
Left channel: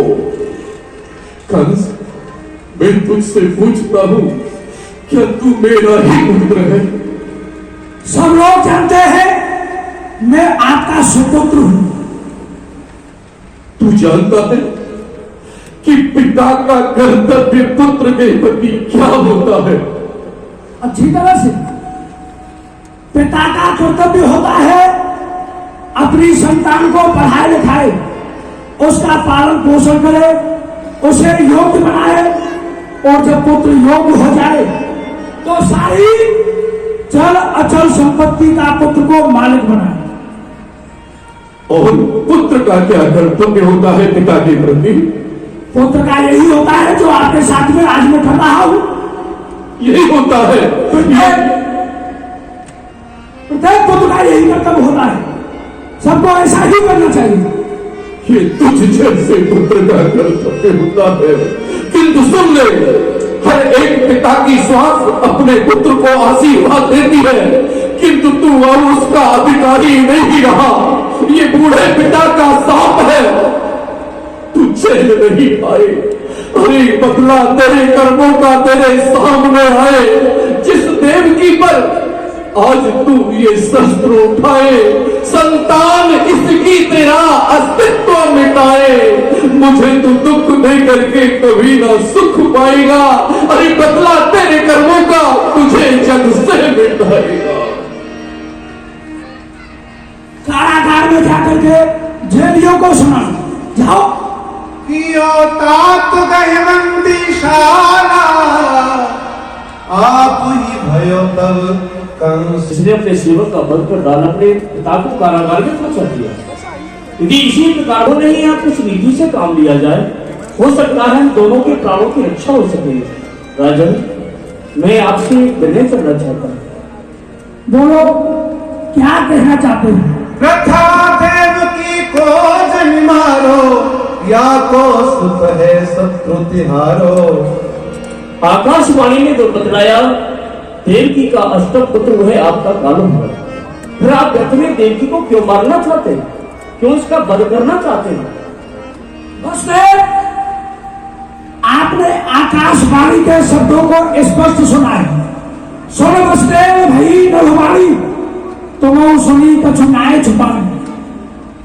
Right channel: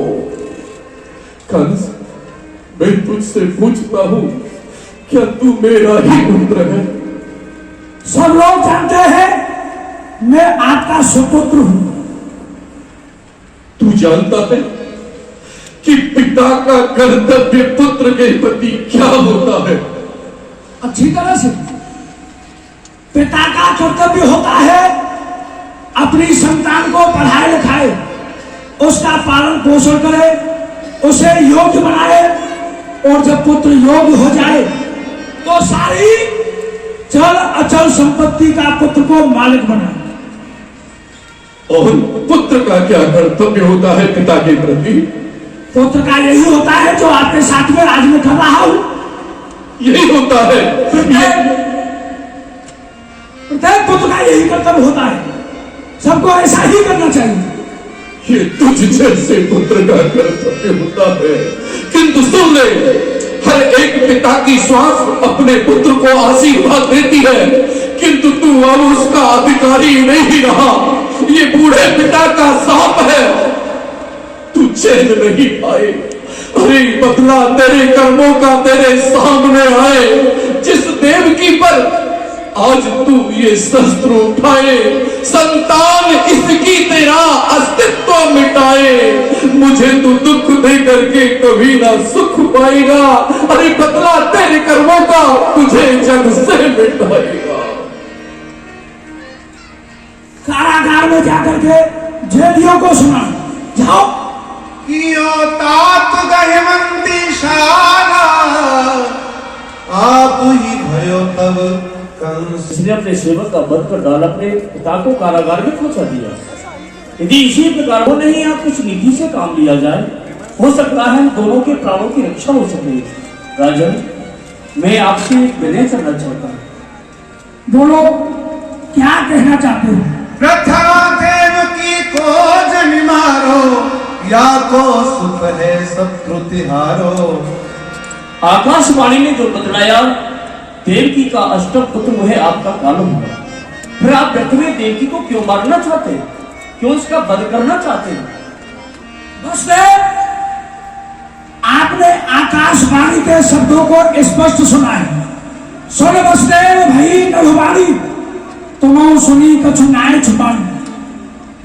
कंस, मैं तुझसे पूछता हूं, क्या तू मेरा ही पुत्र है? सब लोग जानते हैं मैं आपका सुपुत्र हूं। तू जानता है कि पिता का कर्तव्य पुत्र के प्रति क्या होता है? अच्छी तरह से पिता का कर्तव्य होता है अपनी संतान को पढ़ाए लिखाए, उसका पालन पोषण करे, उसे योग्य बनाए, और जब पुत्र योग्य हो जाए तो सारी चल अचल संपत्ति का पुत्र को मालिक बनाए। और पुत्र का क्या कर्तव्य होता है पिता के प्रति? पुत्र का यही होता है जो आपके साथ में आज मैं कर रहा हूं। यही होता है। प्रत्येक पुत्र का यही कर्तव्य होता है, सबको ऐसा ही करना चाहिए। ये तुझ जैसे पुत्र का कर्तव्य होता है, किंतु सुन ले, हर एक पिता की श्वास अपने पुत्र को आशीर्वाद देती है, किंतु तू अब उसका अधिकारी नहीं रहा। ये बूढ़े पिता का शाप है, तू चैन नहीं पाए। अरे बदला तेरे कर्मों का तेरे सामने आए। जिस देवकी पर आज तू ये शस्त्र उठाए, संतान इसकी तेरा अस्तित्व मिटाए। मुझे तू दुख दे करके कभी ना सुख पाएगा। अरे बदला तेरे कर्मों का तुझे जग से मिटाएगा। कारागार में जाकर के जेलियों को सुना, जाओ। कियो तात गए मंदिशाला, आप ही भयो तब कंस। इसने अपने सेवक का बल पर डाल अपने पिता को कारागार में पहुंचा दिया। यदि इसी प्रकार हो नहीं आप कुछ नीति से काम लिया जाए, हो सकता है दोनों के प्राणों की रक्षा हो सके। राजन, मैं आपसे विनय करना चाहता हूँ। बोलो, क्या कहना चाहते हैं? प्रथा देवकी को जन मारो, या को सुख है शत्रु तिहारो। आकाशवाणी ने जो बतलाया, देवकी का अष्टम पुत्र वह आपका कालम हुआ। फिर आप व्यर्थ में देवकी को क्यों मारना चाहते हैं, क्यों उसका वध करना चाहते हैं? आपने आकाशवाणी के शब्दों को स्पष्ट सुना है। सुन वसुदेव भई नहुवाणी, तुम सुनी कछु नाय छुपानी।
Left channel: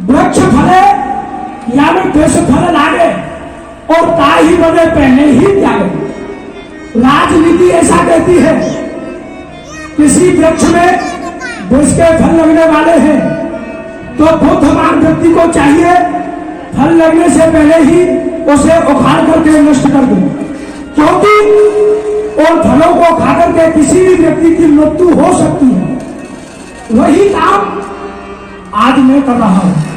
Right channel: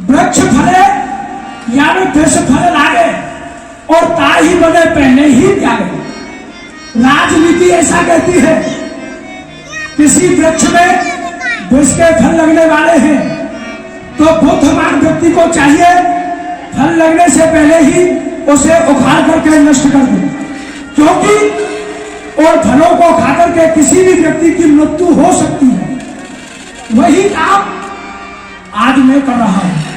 वृक्ष फले या में वृक्ष फल लागे, और ताही बने पहने ही त्यागे। राजनीति ऐसा कहती है, किसी वृक्ष में विष के फल लगने वाले हैं तो बुद्धिमान व्यक्ति को चाहिए फल लगने से पहले ही उसे उखाड़ करके नष्ट कर दे, क्योंकि उन फलों को खा करके किसी भी व्यक्ति की मृत्यु हो सकती है। वही काम आज मैं कर रहा हूं।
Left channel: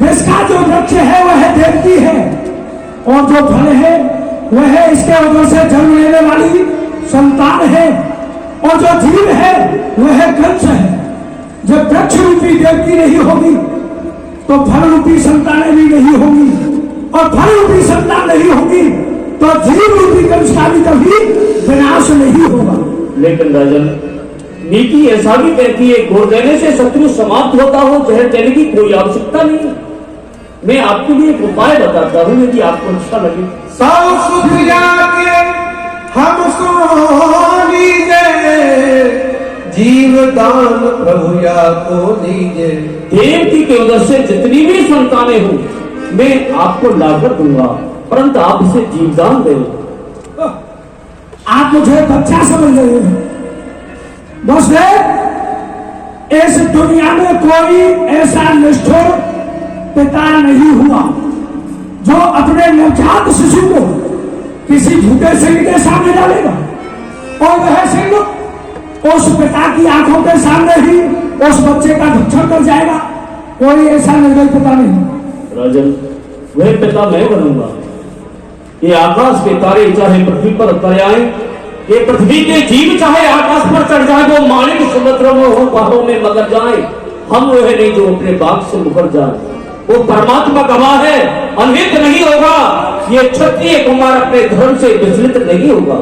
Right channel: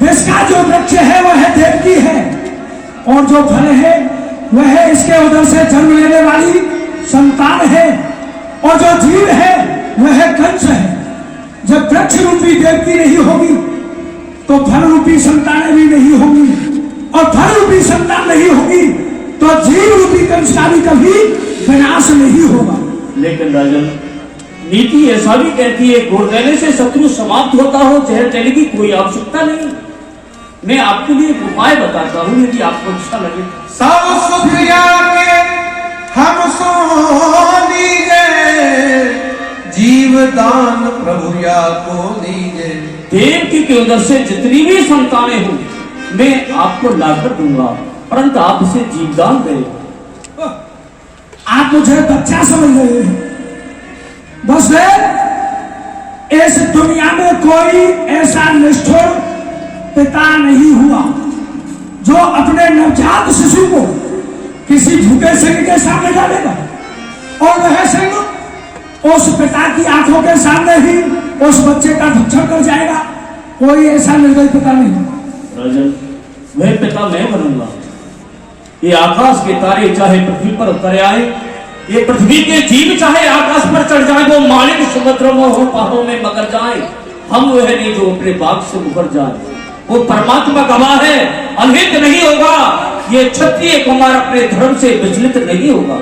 विष का जो वृक्ष है वह देवकी है, और जो फल है वह इसके उधर से जन्म लेने वाली संतान है, और जो जीव है वह कंस है। जब वृक्ष रूपी देवकी नहीं होगी तो फल रूपी संतानें भी नहीं होगी, और फल रूपी संतान नहीं होगी तो जीव रूपी कंस का भी कभी विनाश नहीं होगा। लेकिन राजन, नीति ऐसा भी कहती है, घोर देने से शत्रु समाप्त होता हो, जहर देने की कोई आवश्यकता नहीं। मैं आपके लिए एक उपाय बताता हूँ, यदि आपको अच्छा लगे। सब सुख जाके हम सो लीजे, जीवदान प्रभु या को दीजे। देवकी के उधर से जितनी भी संतानें हो मैं आपको लाकर दूंगा, परंतु आप इसे जीवदान दें। आप मुझे बच्चा समझ रहे हैं। दोस्तों, इस दुनिया में कोई ऐसा निष्ठुर पिता नहीं हुआ जो अपने नवजात शिशु को किसी भूखे सिंह के सामने डालेगा, और वह सिंह उस पिता की आंखों के सामने ही उस बच्चे का भक्षण कर जाएगा। कोई ऐसा निर्दयी पिता नहीं। राजन, वह पिता मैं बनूंगा। ये आकाश के तारे चाहे पृथ्वी पर उतर आए, ये पृथ्वी के जीव चाहे आकाश पर चढ़ जाए, वो मालिक समुद्रों में हो, पहाड़ों में मगर जाए, हम वह नहीं जो अपने बाग से उभर जाए। वो परमात्मा गवाह है, अनहित नहीं होगा। ये क्षत्रिय कुमार अपने धर्म से विचलित नहीं होगा।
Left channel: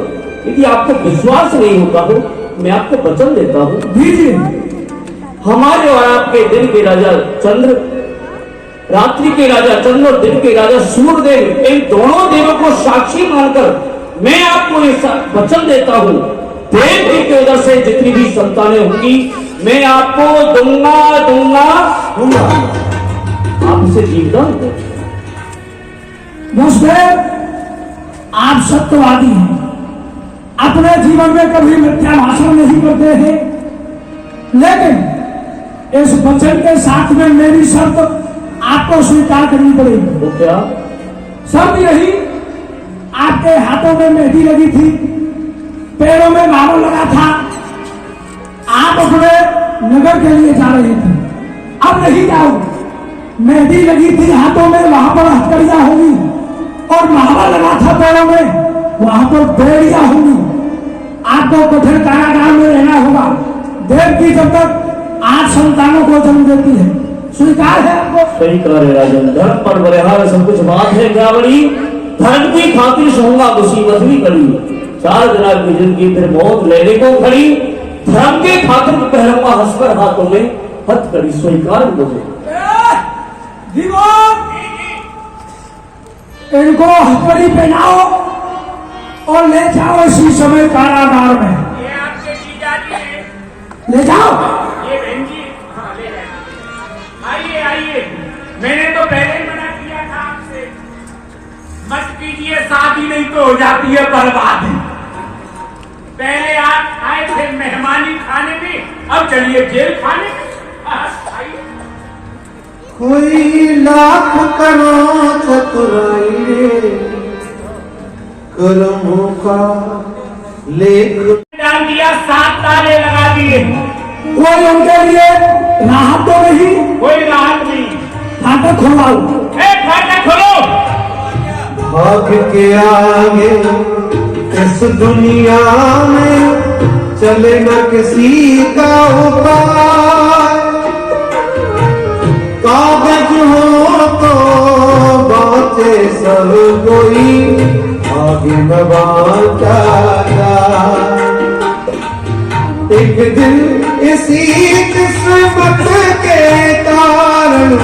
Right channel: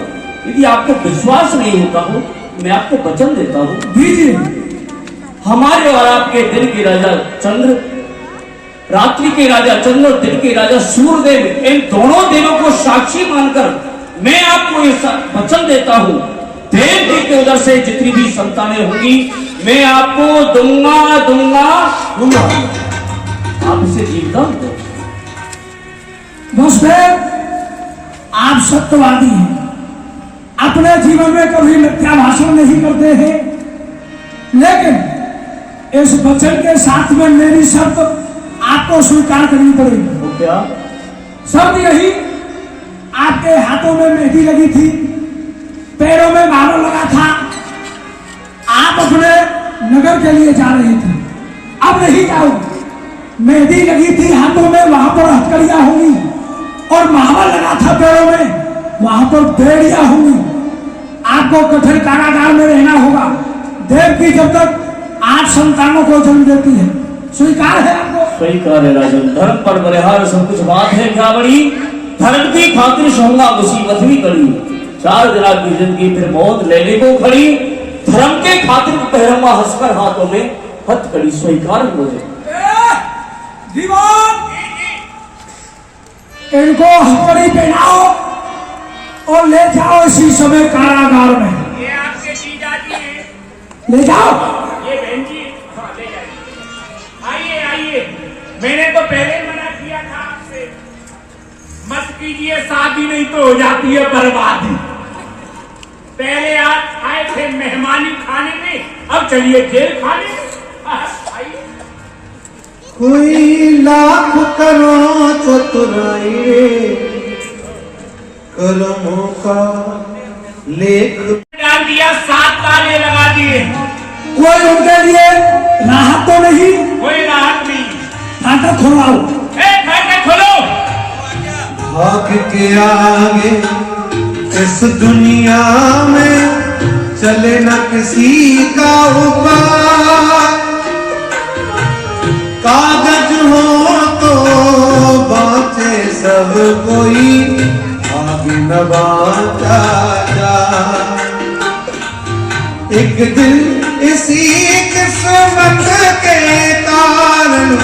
यदि आपको विश्वास नहीं होता हो, मैं आपको वचन देता हूँ। दीजिए। हमारे और आपके दिन के राजा चंद्र, रात्रि के राजा चंद्र और दिन के राजा सूर्यदेव, इन दोनों देवों को साक्षी मानकर मैं आपको ये वचन देता हूँ, देव के उधर से जितनी भी संतानें होंगी मैं आपको दूंगा। आप इसे जीवदान दो। दोस्तों, आप सत्यवादी हैं, अपने जीवन में कभी मिथ्या भाषण नहीं करते हैं, लेकिन इस वचन के साथ में मेरी शर्त आपको स्वीकार करनी पड़ेगी। तो क्या शर्त यही, आपके हाथों में मेहंदी लगी थी, पैरों में माला लगा था, आप अपने नगर के लिए जा रही थी, अब नहीं जाओ। मेहंदी लगी थी हाथों में, वहां पर हथकड़ियां होगी, और था पेड़ों में, वहां पर बेड़ियां होंगी, आपको कठिन कारागार में रहना होगा। देवकी जब तक 8 संतानों को जन्म देती है, स्वीकार है आपको? स्वीकार है राजन। धर्म पर बलिहार सब कुछ बात है क्या बड़ी, धर्म की खातिर सहूंगा मुसीबत भी करी, 4 दिना की जिंदगी फिर मौत लेने को खड़ी, धर्म के खातिर पहलुआ हंसकर हाथों में हथकड़ी, स्वीकार मुझे। दीवान, इनको हथकड़ी पहनाओ और ले जाओ इसी समय कारागार में। ये आपके जीजाजी हैं। ले जाओ। ये बहन जी, हाँ, ले जाइए। आइए आइए, मैंने तो पहले ही मना किया था आपसे, मत कीजिए शादी, नहीं तो हो जाती है बर्बाद। पहले आप आए थे मेहमानी खाने में, अब चलिए जेल खाने। आइए। कोई लाख करो चतुराई रे, कर्मों का लेख डाल दिया, 7 ताले लगा दिए, कोई उनके लिए राहत तो नहीं? कोई राहत नहीं। फाटक खोलाओ। फाटक खोलो। भाग के आगे इस दुनिया में चले न किसी का उपाय, कागज हो तो बाँचे सब कोई, आगे न बाँचा जाए। एक दिन इसी किस्मत के कारण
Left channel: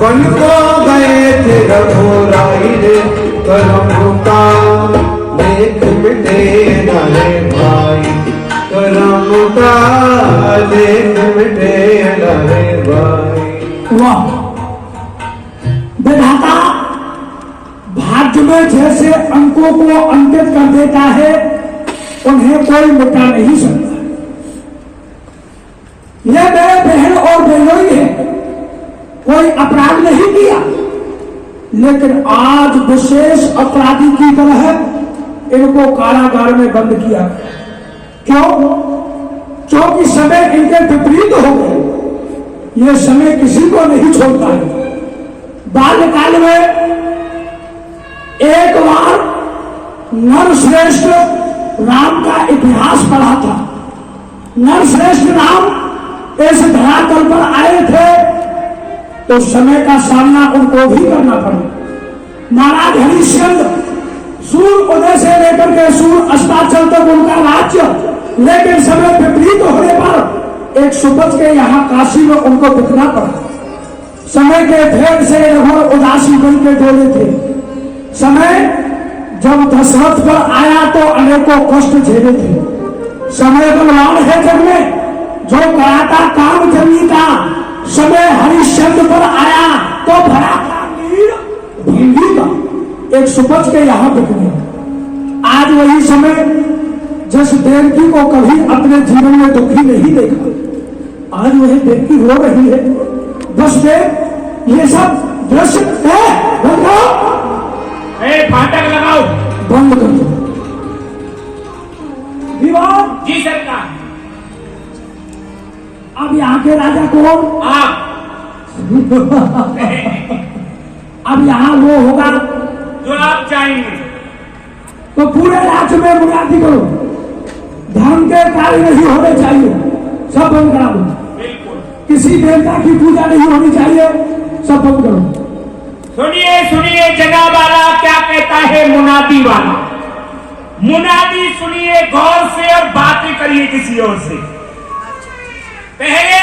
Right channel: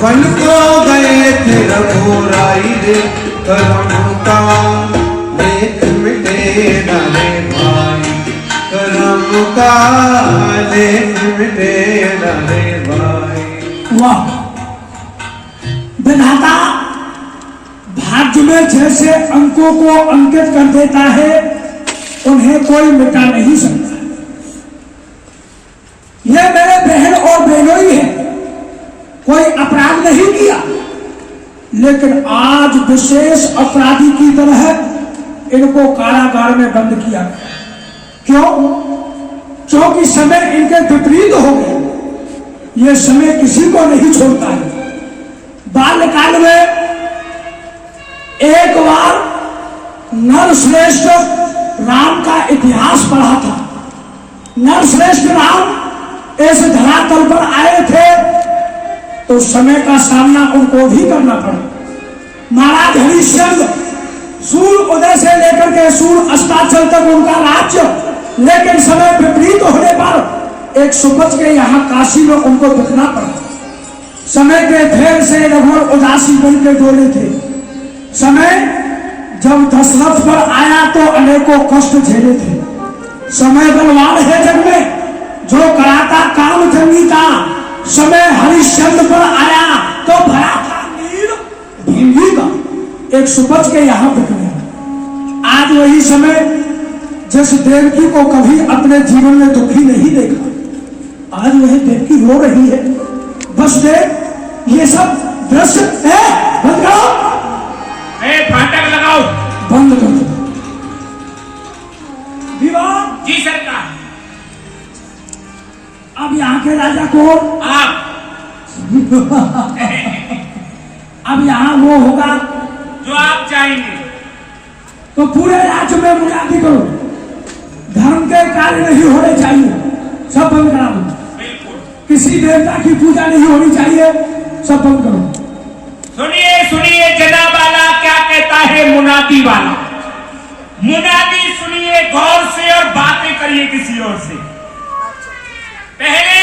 बन को गए थे रघुराई रे, कर्म का लेख मिटे न रे भाई, कर्म का लेख मिटे न रे भाई। वाह, विधाता भाग्य में जैसे अंकों को अंकित कर देता है, उन्हें कोई मिटा नहीं सकता। यह मेरे बहन और बहनोई है, कोई अपराध नहीं किया, लेकिन आज विशेष अपराधी की तरह इनको कारागार में बंद किया। क्यों? क्योंकि समय इनके विपरीत हो गए। यह समय किसी को नहीं छोड़ता है। बाल्यकाल में एक बार नरश्रेष्ठ राम का इतिहास पढ़ा था। नरश्रेष्ठ राम इस धरातल पर आए थे तो समय का सामना उनको भी करना पड़ा। महाराज हरिश्चंद्र सूर्य उदय से लेकर के सूर्य अस्ताचल तक उनका राज्य, लेकिन समय विपरीत होने पर एक सुबह के यहाँ काशी में उनको दिखना पड़ा। समय के फेर से लगभग उदासी बन के डोले थे। समय जब दशरथ पर आया तो अनेकों कष्ट झेले थे। समय बलवान है जग में, जो कराता काम जंगी का, समय हरिश्चंद्र पर आया तो भरा था नीर ढींगी का। एक सुबह के यहाँ दिखने, आज वही समय जिस देवकी को कभी अपने जीवन में दुखी नहीं देखा, आज वही देवकी रो रही है। बस देव, ये सब दृश्य है। बंद करो, फाटक लगाओ। बंद कर दो। विवाह जी सरकार। अब यहाँ के राजा कौन? आप। अब यहाँ वो होगा जो आप चाहेंगे। तो पूरे राज्य में मुनादी करो, धर्म के कार्य नहीं होने चाहिए, सब बंद करा दो। बिल्कुल। किसी देवता की पूजा नहीं होनी चाहिए, सब बंद करो। सुनिए सुनिए जनाब वाला क्या कहता है मुनादी वाला। मुनादी सुनिए गौर से और बातें करिए किसी और से। पहले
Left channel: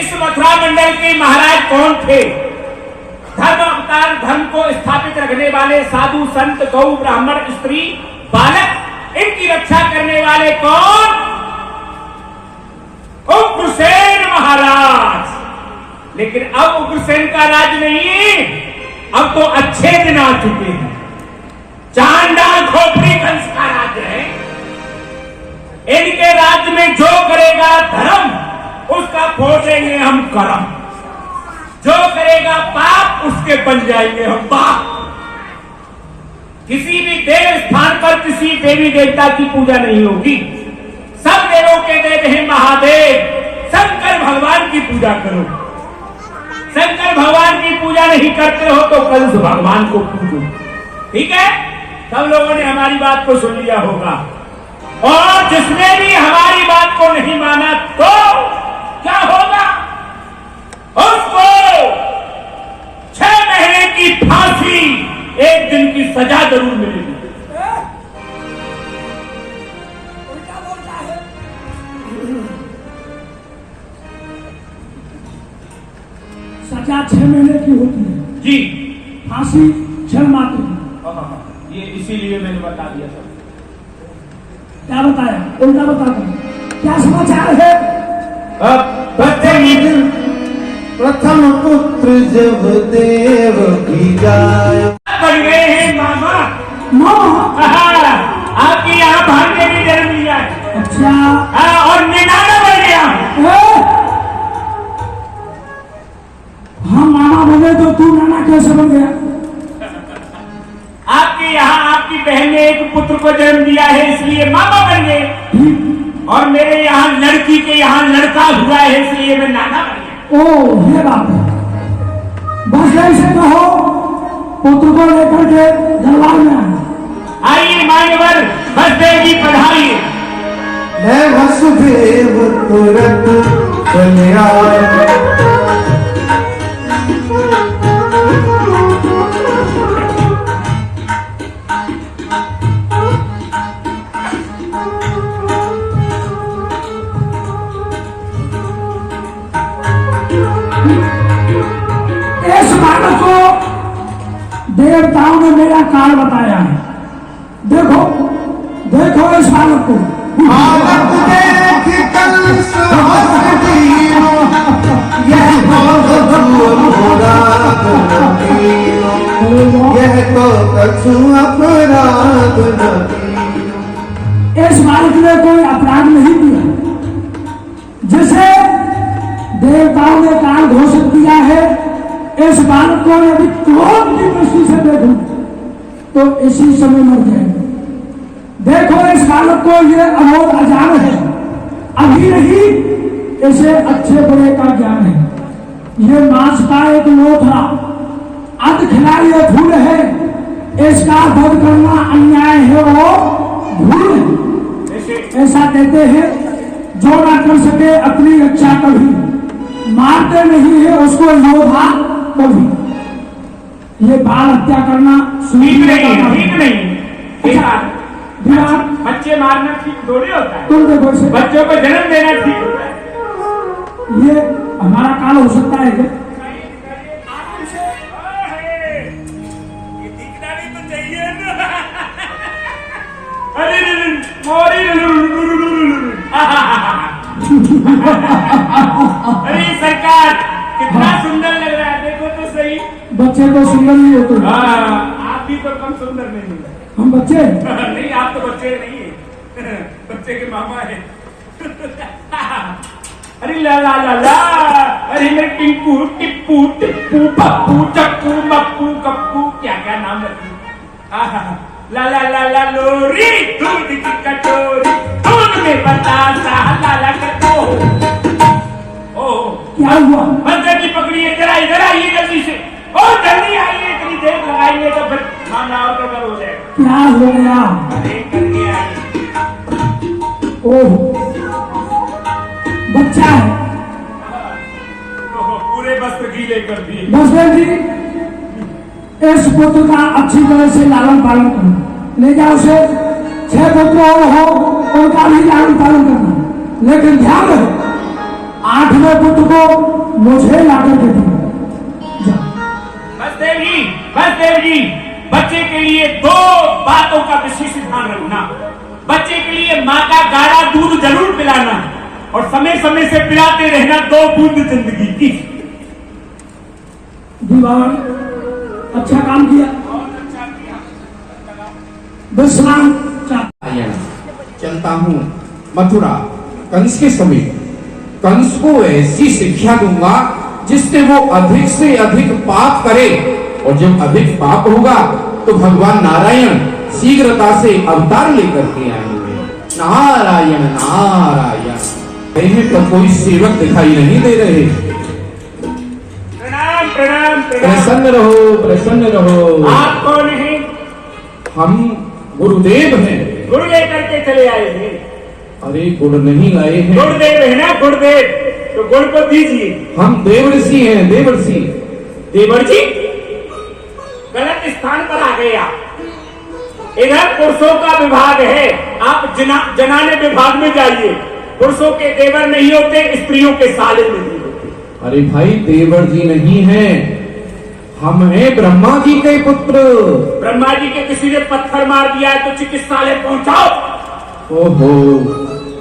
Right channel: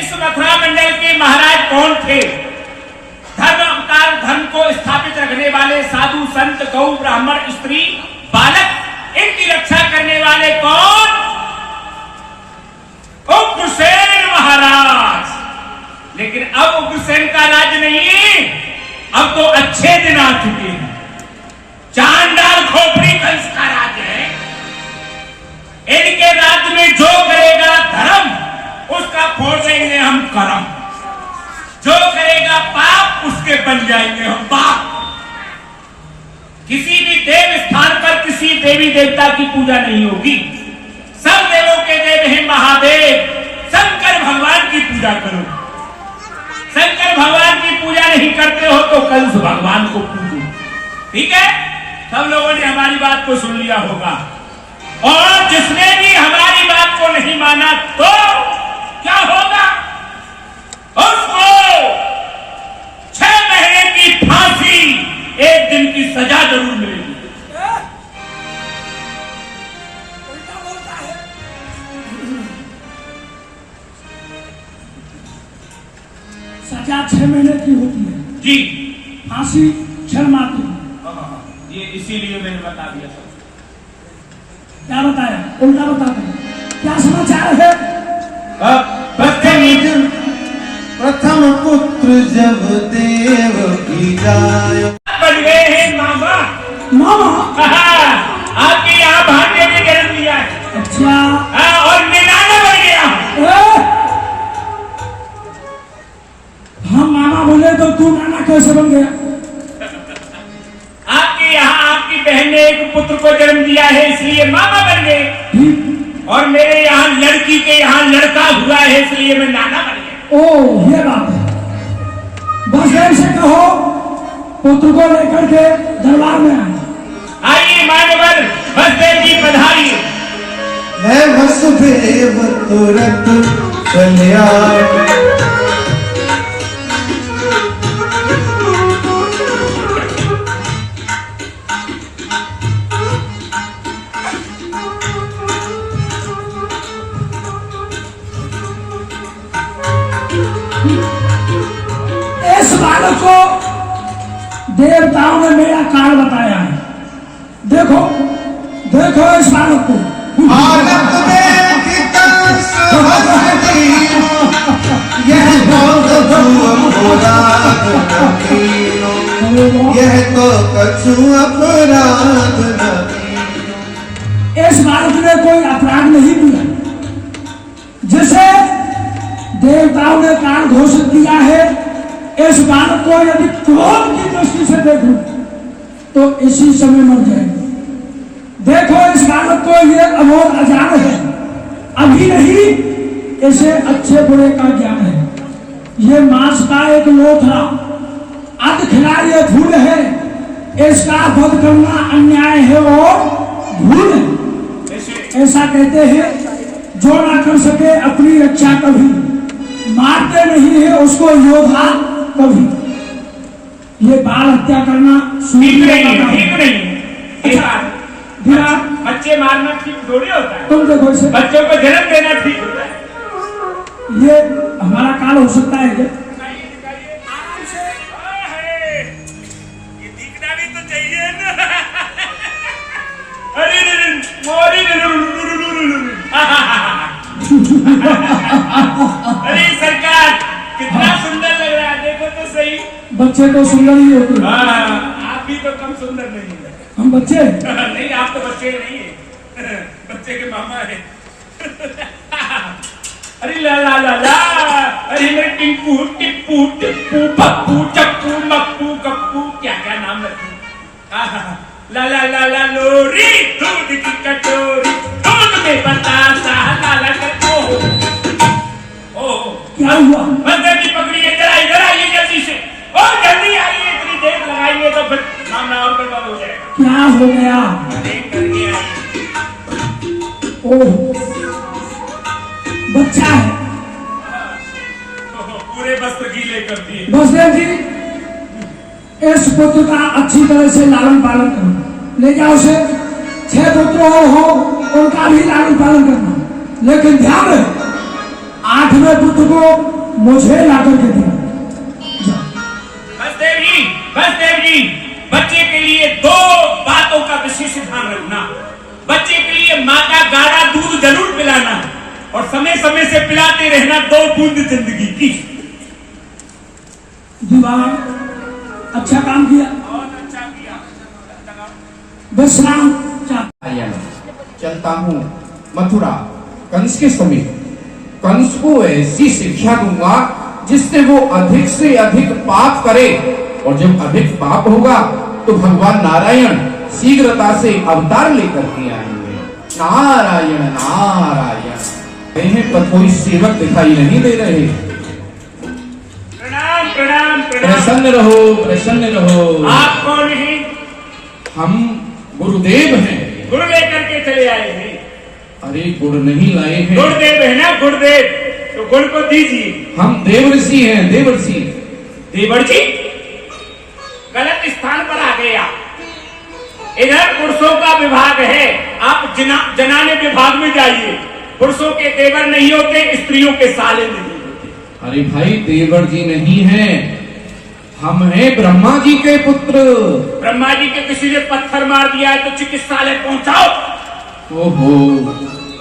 इस मथुरा मंडल के महाराज कौन थे? धर्म अवतार, धर्म को स्थापित रखने वाले साधु संत गौ ब्राह्मण स्त्री बालक, इनकी रक्षा करने वाले कौन? उग्रसेन महाराज। लेकिन अब उग्रसेन का राज नहीं, अब तो अच्छे दिन आ चुके हैं। चांडाल खोपड़ी कंस का राज है। इनके राज्य में जो करेगा धर्म, उसका फोड़ लेंगे हम करम। जो करेगा पाप, उसके बन जाएंगे हम पाप। किसी भी देव स्थान पर किसी देवी देवता की पूजा नहीं होगी। सब देवों के देव हैं महादेव। शंकर भगवान की पूजा करो। शंकर भगवान की पूजा नहीं करते हो तो कंस भगवान को पूजो। ठीक है? सब लोगों ने हमारी बात को सुन लिया होगा, और जिसने भी हमारी बात को नहीं माना तो क्या होगा? उसको 6 महीने की फांसी, 1 दिन की सजा जरूर मिलेगी। उल्टा बोलता है। सजा 6 महीने की होती है जी, फांसी क्षणमात्र की। ये इसीलिए मैंने बता दिया था। क्या बताया? उल्टा बता दें। क्या समाचार है? प्रथम पुत्र जब देव की जाए। बन गए हैं मामा। मामा? आपकी यहाँ भाग्य ने जन्म लिया है। अच्छा। और निनाना बन गया। हम मामा बने तो तू नाना कैसे बन गया? आपके यहाँ आपकी बहन ने एक पुत्र को जन्म दिया है, इसलिए मामा बन गए। और मेरे यहाँ लड़की के यहाँ लड़का हुआ है, इसलिए मैं नाना बन गया। ओ, ये बात है। बस देव से कहो पुत्र को लेकर के दरबार में आए। आइए मान्यवर, बसदेव जी पधारिए। मैं वसुदेव तुरंत चले आए। इस बालक को देवताओं ने मेरा कारण बताया है। देखो देखो इस बालक को। बालक देख कंस हंसती, यह तो अपराध नहीं, यह तो कछु अपराध नहीं। इस बालक ने कोई अपराध नहीं किया, जिसे देवताओं ने काल घोषित किया है। इस बालक को यदि क्रोध की दृष्टि से देखूं तो इसी समय मर जाएगा। देखो इस बालक को ये अमोघ अजान है, अभी नहीं इसे अच्छे बुरे का ज्ञान है। ये मांस का एक लोथरा अध खिलाड़ी फूल है, इसका वध करना अन्याय है और भूल है। ऐसा कहते हैं जो ना कर सके अपनी रक्षा कभी, मारते नहीं है उसको योद्धा कभी। ये बाल हत्या करना ठीक नहीं, ठीक नहीं। बिना बच्चे मारना ठीक थोड़ी होता है। तुम देखो इसे, बच्चों को जन्म देना ठीक होता है। ये हमारा काल हो सकता है क्या? आराम से। ये दिखना भी तो चाहिए ना। अरे अरे सरकार, कितना सुंदर लग रहा है, देखो तो सही। बच्चे तो सुंदर ही होते हैं। आप भी तो कम सुंदर नहीं है। हम बच्चे नहीं, आप तो बच्चे नहीं है, बच्चे के मामा है। अरे ला ला ला ला, अरे मेरे टिंकू टिप्पू टिप्पू पप्पू चप्पू मप्पू कप्पू, क्या क्या नाम रखूं? ला ला ला ला लोरी, दूध की कटोरी, दूध में बतासा लाला कटो। ओ क्या हुआ? बंदे की पकड़िए, जरा इधर आइए जल्दी से। ओ जल्दी आइए, इतनी देर लगाइए तो फिर मामला और गड़बड़ हो जाएगा। क्या हो गया? देख करके आइए। ओह, बच्चा है। पूरे वस्त्र गीले कर दिए। बसदेव जी, इस पुत्र का अच्छी तरह से लालन पालन करो, ले जाओ उसे। 6 पुत्र और हो उनका भी लालन पालन करना, लेकिन ध्यान रहे 8वें पुत्र को मुझे लाकर के देना। बसदेव जी, बच्चे के लिए 2 बातों का विशेष ध्यान रखना। बच्चे के लिए माँ का गाढ़ा दूध जरूर पिलाना, और समय समय से पिलाते रहना 2 बूंद जिंदगी की। दीवान अच्छा काम किया, बहुत अच्छा किया। विश्राम चलता हूँ मथुरा कंस के समीप। कंस को ऐसी शिक्षा दूंगा जिससे वो अधिक से अधिक पाप करे, और जब अधिक पाप होगा तो भगवान नारायण शीघ्रता से अवतार लेकर के आएंगे। नारायण नारायण। इन्हें तो कोई सेवक दिखाई नहीं दे रहे। प्रणाम प्रणाम प्रणाम। प्रसन्न रहो, प्रसन्न रहो। आप कौन हैं? हम गुरुदेव हैं। गुड़ लेकर के चले आए हैं। अरे गुड़ नहीं लाए हैं, गुरुदेव है ना, गुरुदेव, तो गुड़ को दीजिए। हम देवर्षि हैं, देवर्षि। देवर जी गलत स्थान पर आ गए आप। इधर पुरुषों का विभाग है, आप जनाने विभाग में जाइए। पुरुषों के देवर नहीं होते, स्त्रियों के साले नहीं होते। अरे भाई देवर जी नहीं है, हम हैं ब्रह्मा जी के पुत्र। ब्रह्मा जी के किसी ने पत्थर मार दिया है तो चिकित्सालय पहुंचाओ। ओहो,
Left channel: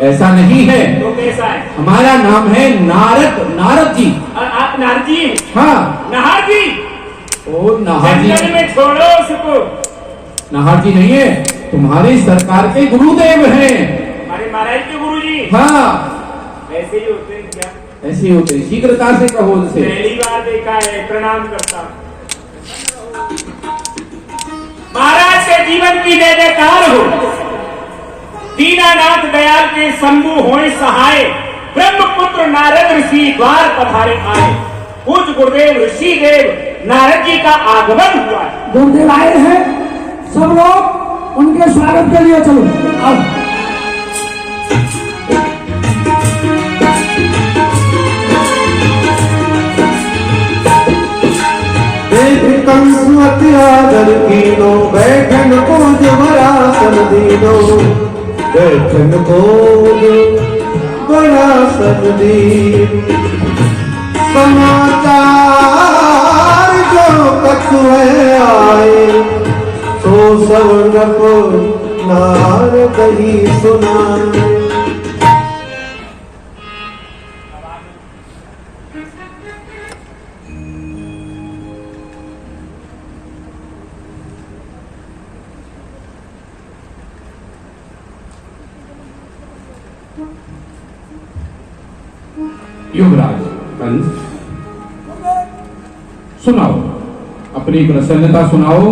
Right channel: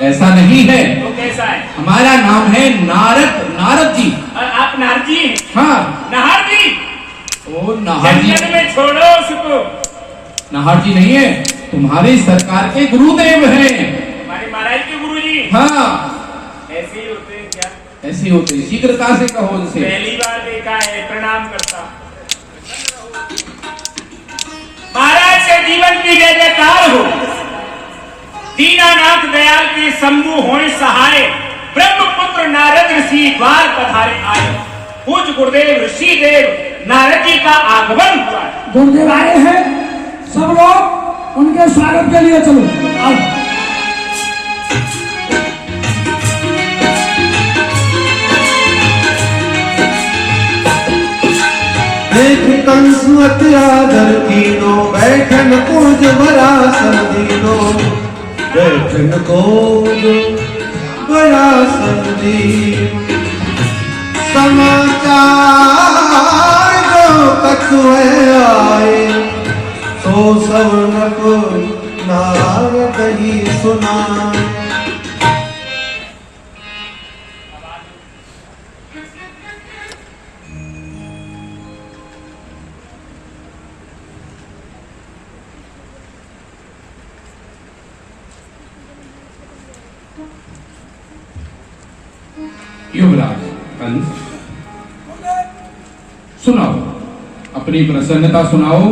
ऐसा नहीं है। तो कैसा है? हमारा नाम है नारद, नारद जी। आप नारद जी हैं? हाँ। नाहर जी। ओ नाहर जी, जंगल में छोड़ो उसको। नाहर जी नहीं है, तुम्हारी सरकार के गुरुदेव हैं। हमारे महाराज के गुरु जी। हाँ, ऐसे ही होते हैं क्या? ऐसे होते, शीघ्रता से कहो उनसे। पहली बार देखा है, प्रणाम करता। महाराज के जीवन की जय जयकार हो। दीनानाथ दयाल के शंभु होए सहाय, ब्रह्मपुत्र नारद ऋषि द्वार पधारे आए। पूज गुरुदेव ऋषि देव नारद जी का आगमन हुआ है। गुरुदेव आए हैं, सब लोग उनके स्वागत के लिए चलो आओ। कंसुअत आदर कीनो, बैठन पूज वरासन दीनो, बैठन पूज वरासन दीनो। समाचार जो कछुए आए, सो सवरप नारद ही सुनाए। युवराज कंस, सुनाओ, अपनी प्रसन्नता सुनाओ।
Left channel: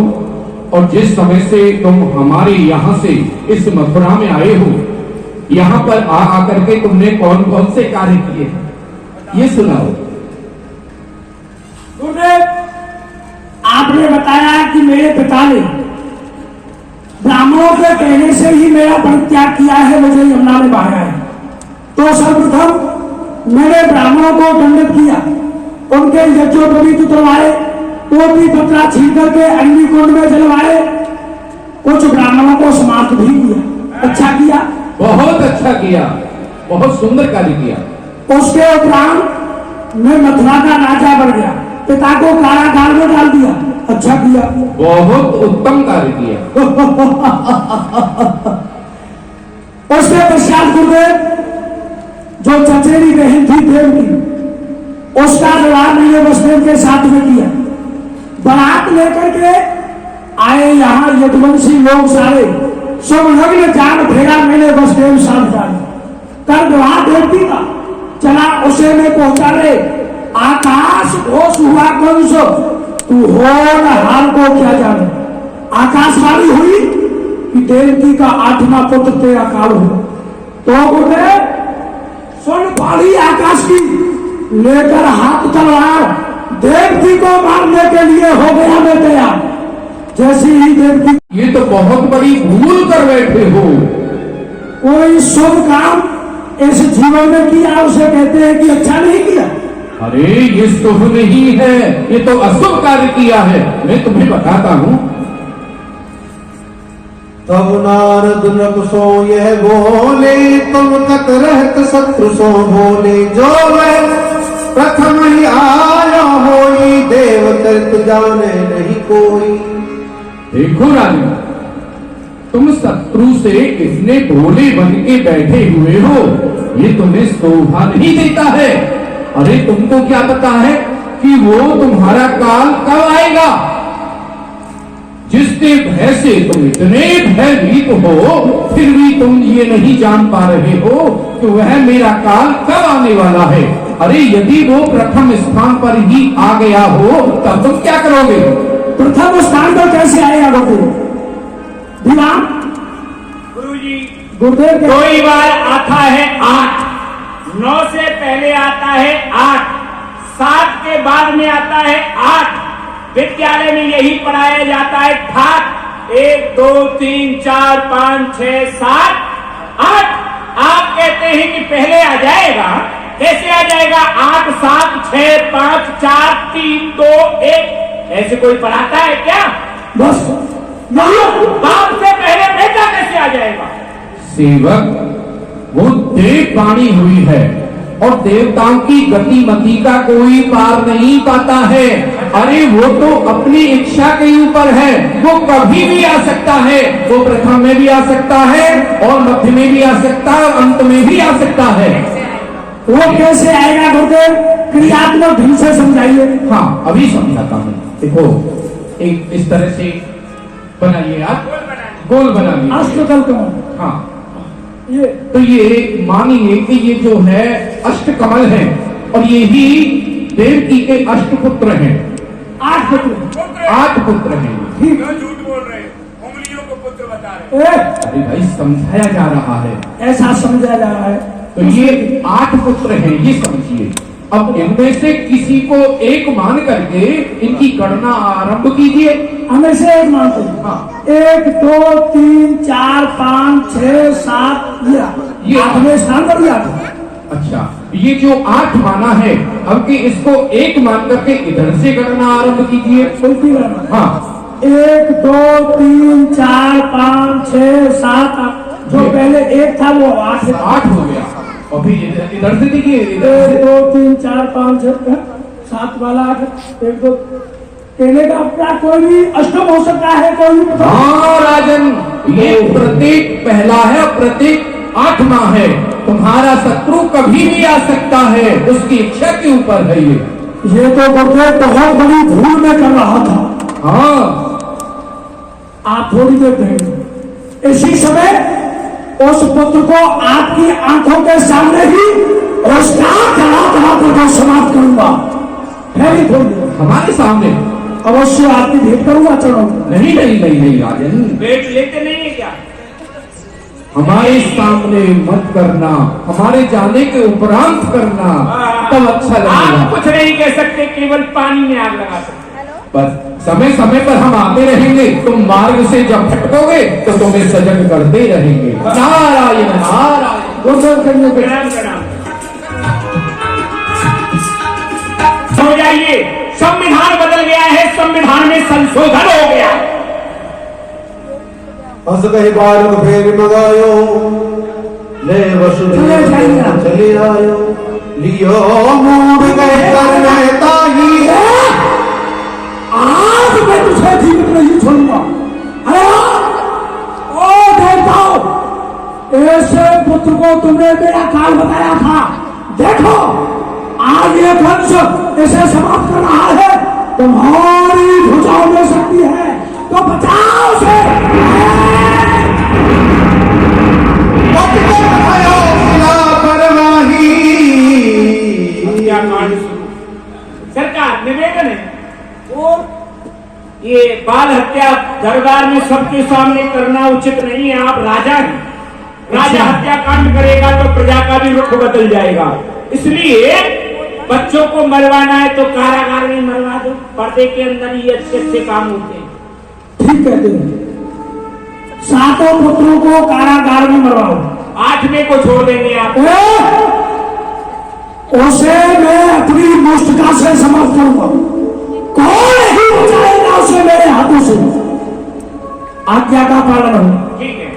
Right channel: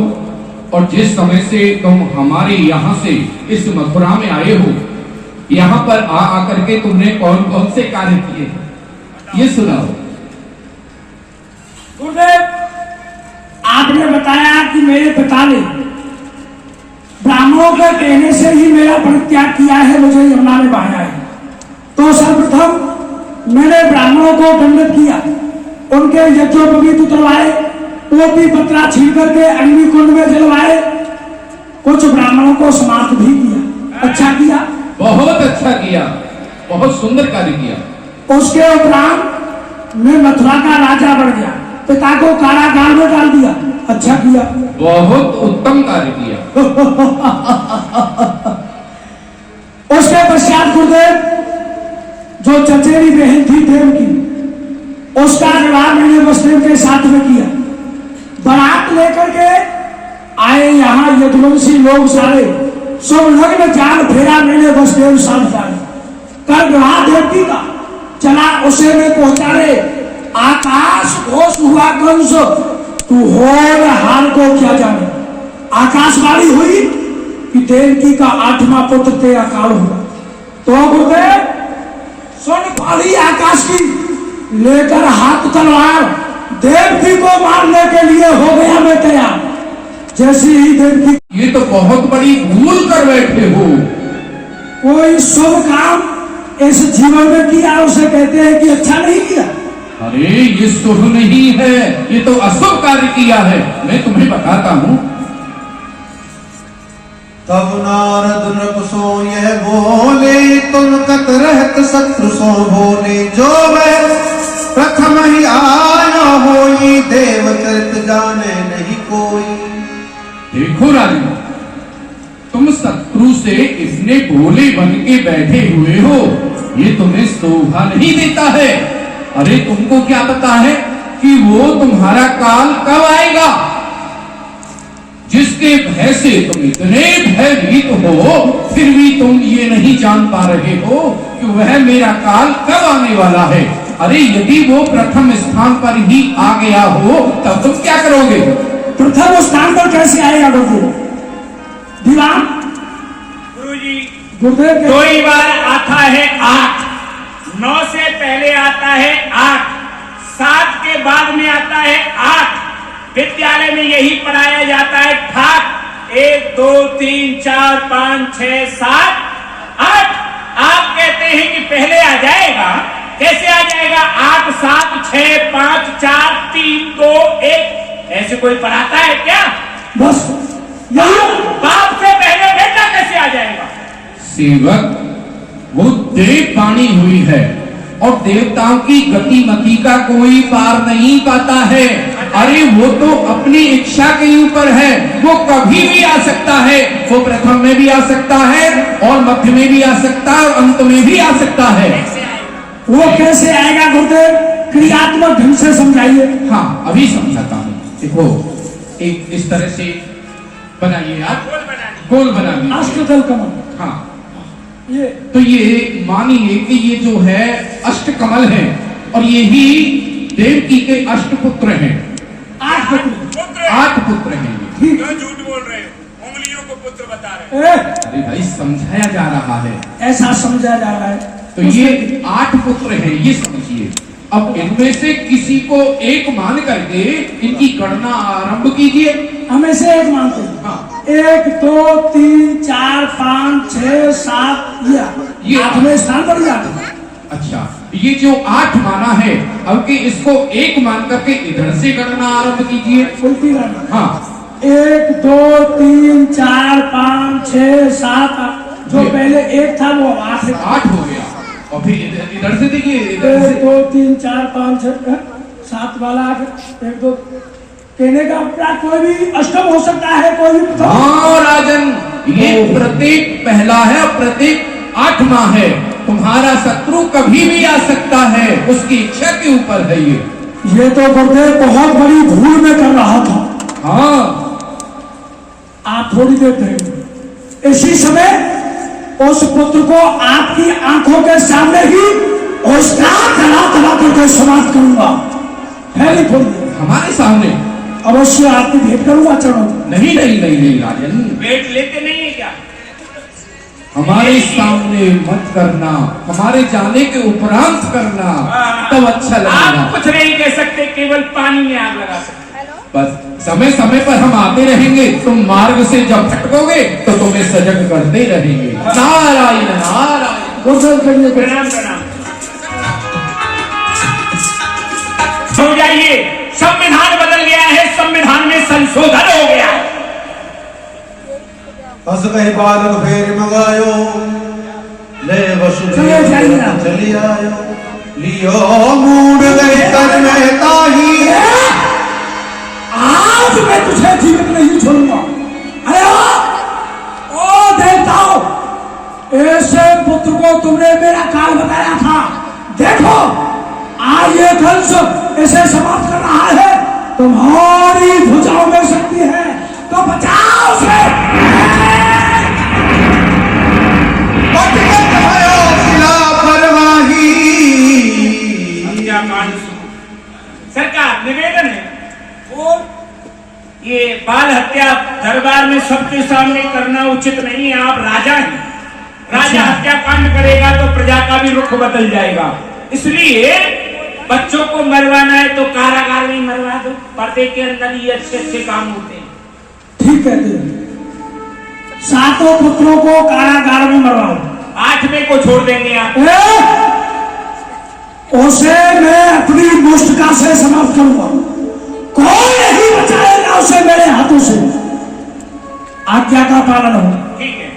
और जिस समय से तुम हमारे यहाँ से इस मथुरा में आए हो, यहाँ पर आकर के तुमने कौन कौन से कार्य किए, ये सुनाओ। गुरुदेव, आपने बताया कि मेरे पिता ने ब्राह्मणों के कहने से ही मेरा परित्याग किया है, मुझे यमुना में बहाया है। तो सर्वप्रथम मैंने ब्राह्मणों को दंडित किया, उनके यज्ञोपवीत उतरवाए, पोती पत्रा छीन करके अग्निकुंड में जलवाए, कुछ ब्राह्मणों को समाप्त भी किया। अच्छा किया, बहुत अच्छा किया, बहुत सुंदर कार्य किया। उसके उपरांत मैं मथुरा का राजा बन गया, पिता को कारागार में डाल दिया। अच्छा किया, बहुत उत्तम कार्य किया। उसके पश्चात गुरुदेव, जो चचेरी बहन थी देव की, उसका विवाह मैंने वसुदेव के साथ में किया। बारात लेकर के आए यहाँ यदुवंशी लोग सारे, सुलग्न जान फेरा मैंने वसुदेव साथ जाने कर विवाह देवती का चला, उसे में पहुंचा रे। आकाश घोष हुआ कंस, तू हो न हाल को क्या जाने। आकाशवाणी हुई कि देवकी का 8वां पुत्र तेरा काल हुआ। तो गुरुदेव सुन पड़ी आकाश की, लेकर हाथ तलवार देवकी को मारने के लिए हो गया मैं तैयार। जैसी ही देवकी, ये तो बहुत बड़ी भूल कर बैठे हो। कोई शुभ काम इस जीवन में किया उसे कहते हैं कि अच्छा नहीं किया। अरे ये शुभ नहीं है, ये तो अशुभ कार्य किया है। मैं तुम्हें बताता हूँ। तब नारद नृप सो यह बोले, तुम तक रहत शत्रु सो बोले। जो वह प्रथम ही आया होई, देव कृत जाने नहीं कोई। देखो राजन, तुम शत्रु से इतने भोले बन के बैठे हुए हो, ये तुम्हें शोभा नहीं देता है। अरे तुमको क्या पता है कि वो तुम्हारा काल कब आएगा? जिसके भय से तुम इतने भयभीत हो, फिर भी तुम ये नहीं जान पा रहे हो कि वह मेरा काल कब आने वाला है। अरे यदि वो प्रथम स्थान पर ही आ गया हो, तब तुम क्या करोगे? प्रथम स्थान पर कैसे आएगा गुरुदेव? विराम गुरुजी, गुरुदेव दो ही बार आता है 8, 9 से पहले आता है 8, 7 के बाद में आता है 8। विद्यालय में यही पढ़ाया जाता है ठाक। 1 2 3 4 5 6 7 8। आप कहते हैं कि पहले आ जाएगा, कैसे आ जाएगा? 8 7 6 5 4 3 2 1। ऐसे कोई पढ़ाता है क्या? बस बाप से पहले बेटा कैसे आ जाएगा? सेवक, वो देव वाणी हुई है और देवताओं की गतिमति का कोई पार नहीं पाता है। अरे वो तो अपनी इच्छा के ऊपर है, वो कभी भी आ सकता है। वो प्रथम में भी आ सकता है और मध्य में भी आ सकता है और अंत में भी आ सकता है। वो कैसे आएगा गुरुदेव? क्रियात्मक ढंग से समझाइए। हाँ, अभी समझाता हूँ। देखो, एक इस तरह से बनाइए आप, गोल बनाइए। अष्टदल कमल। हाँ, ये तो ये मानिए कि ये जो है अष्टकमल है और ये ही देवकी के अष्टपुत्र हैं। 8 पुत्र। 8 पुत्र हैं। क्यों झूठ बोल रहे हो? उंगलियों को पुत्र बता रहे हो। अरे भाई, समझाया जा रहा है। ऐसा समझा जा रहा है। तो ये 8 पुत्र हैं, ये समझिए। अब इनमें से किसी को एक मान करके इनकी गणना आरंभ कीजिए। हमें से एक मानते हैं। हाँ। 1 2 3 4 5 6 7 ये 8वें स्थान पर जाते हैं। अच्छा, ये जो 8 माना है, अब कि इसको एक मान करके इधर से गणना आरंभ कीजिए। उल्टी गणना। हाँ, 1 2 3 4 5 6 7 8। जो पहले 1 था वो 8 हो गया। और फिर इधर से देखिए, इधर 1 से 2 3 4 5 6 7 वाला 8 1 2। कहने का अपना कोई भी अष्टम हो सकता है, कोई भी। हाँ राजन, ये प्रत्येक पहला है और प्रत्येक 8वां है। तुम्हारा शत्रु कभी भी आ सकता है, उसकी इच्छा के ऊपर है ये तो गुरुदेव बहुत बड़ी भूल में कर रहा था। हाँ, आप थोड़ी देर रहेंगे। इसी समय उस पुत्र को आपकी आंखों के सामने ही उसका कड़ा करके समाप्त करूंगा। है नहीं थोड़ी देर? हमारे सामने अवश्य आपकी भेंट करूंगा चरणों में। नहीं नहीं नहीं नहीं राजन, वेट लेते नहीं है क्या? हमारे सामने मत करना, हमारे जाने के उपरांत करना, तब अच्छा लगेगा। आप कुछ नहीं कह सकते, केवल पानी में आग लगा सकते। बस समय समय पर हम आते रहेंगे। तुम मार्ग से जब भटकोगे तो तुम्हें सजग करते ही रहेंगे। नारायण नारायण। प्रणाम प्रणाम। हो जाइए, संविधान बदल गया है, संविधान में संशोधन हो गया। बस कहीं बालक फेर मंगायो, ले वसुदेव चली आयो, लियो मूड गए कर में ताही। आज मैं तुझे जीवित नहीं छोड़ूंगा। अरे ओ देवताओ, ऐसे पुत्र को तुमने मेरा काल बताया था। देखो, आज ये वंश ऐसे समाप्त कर रहा है। तुम्हारी भुजाओं में शक्ति है तो बचाओ से। सरकार निवेदन है, और ये बाल हत्या दरबार में सबके सामने करना उचित नहीं है। आप राजा हैं, राजा हत्या कांड करेगा तो प्रजा का भी रुख बदल जाएगा। इसलिए बच्चों को मरवाना है तो कारागार में मरवा दो, पर्दे के अंदर ही अच्छे अच्छे काम होते हैं। ठीक कहते हैं। 7 पुत्रों को कारागार में मरवाओ, 8वें को छोड़ देंगे आप। उसे मैं अपनी मुष्टिका से समाप्त करूंगा। कौन नहीं बचाएगा उसे मेरे हाथों से। आज्ञा का पालन हो। ठीक है।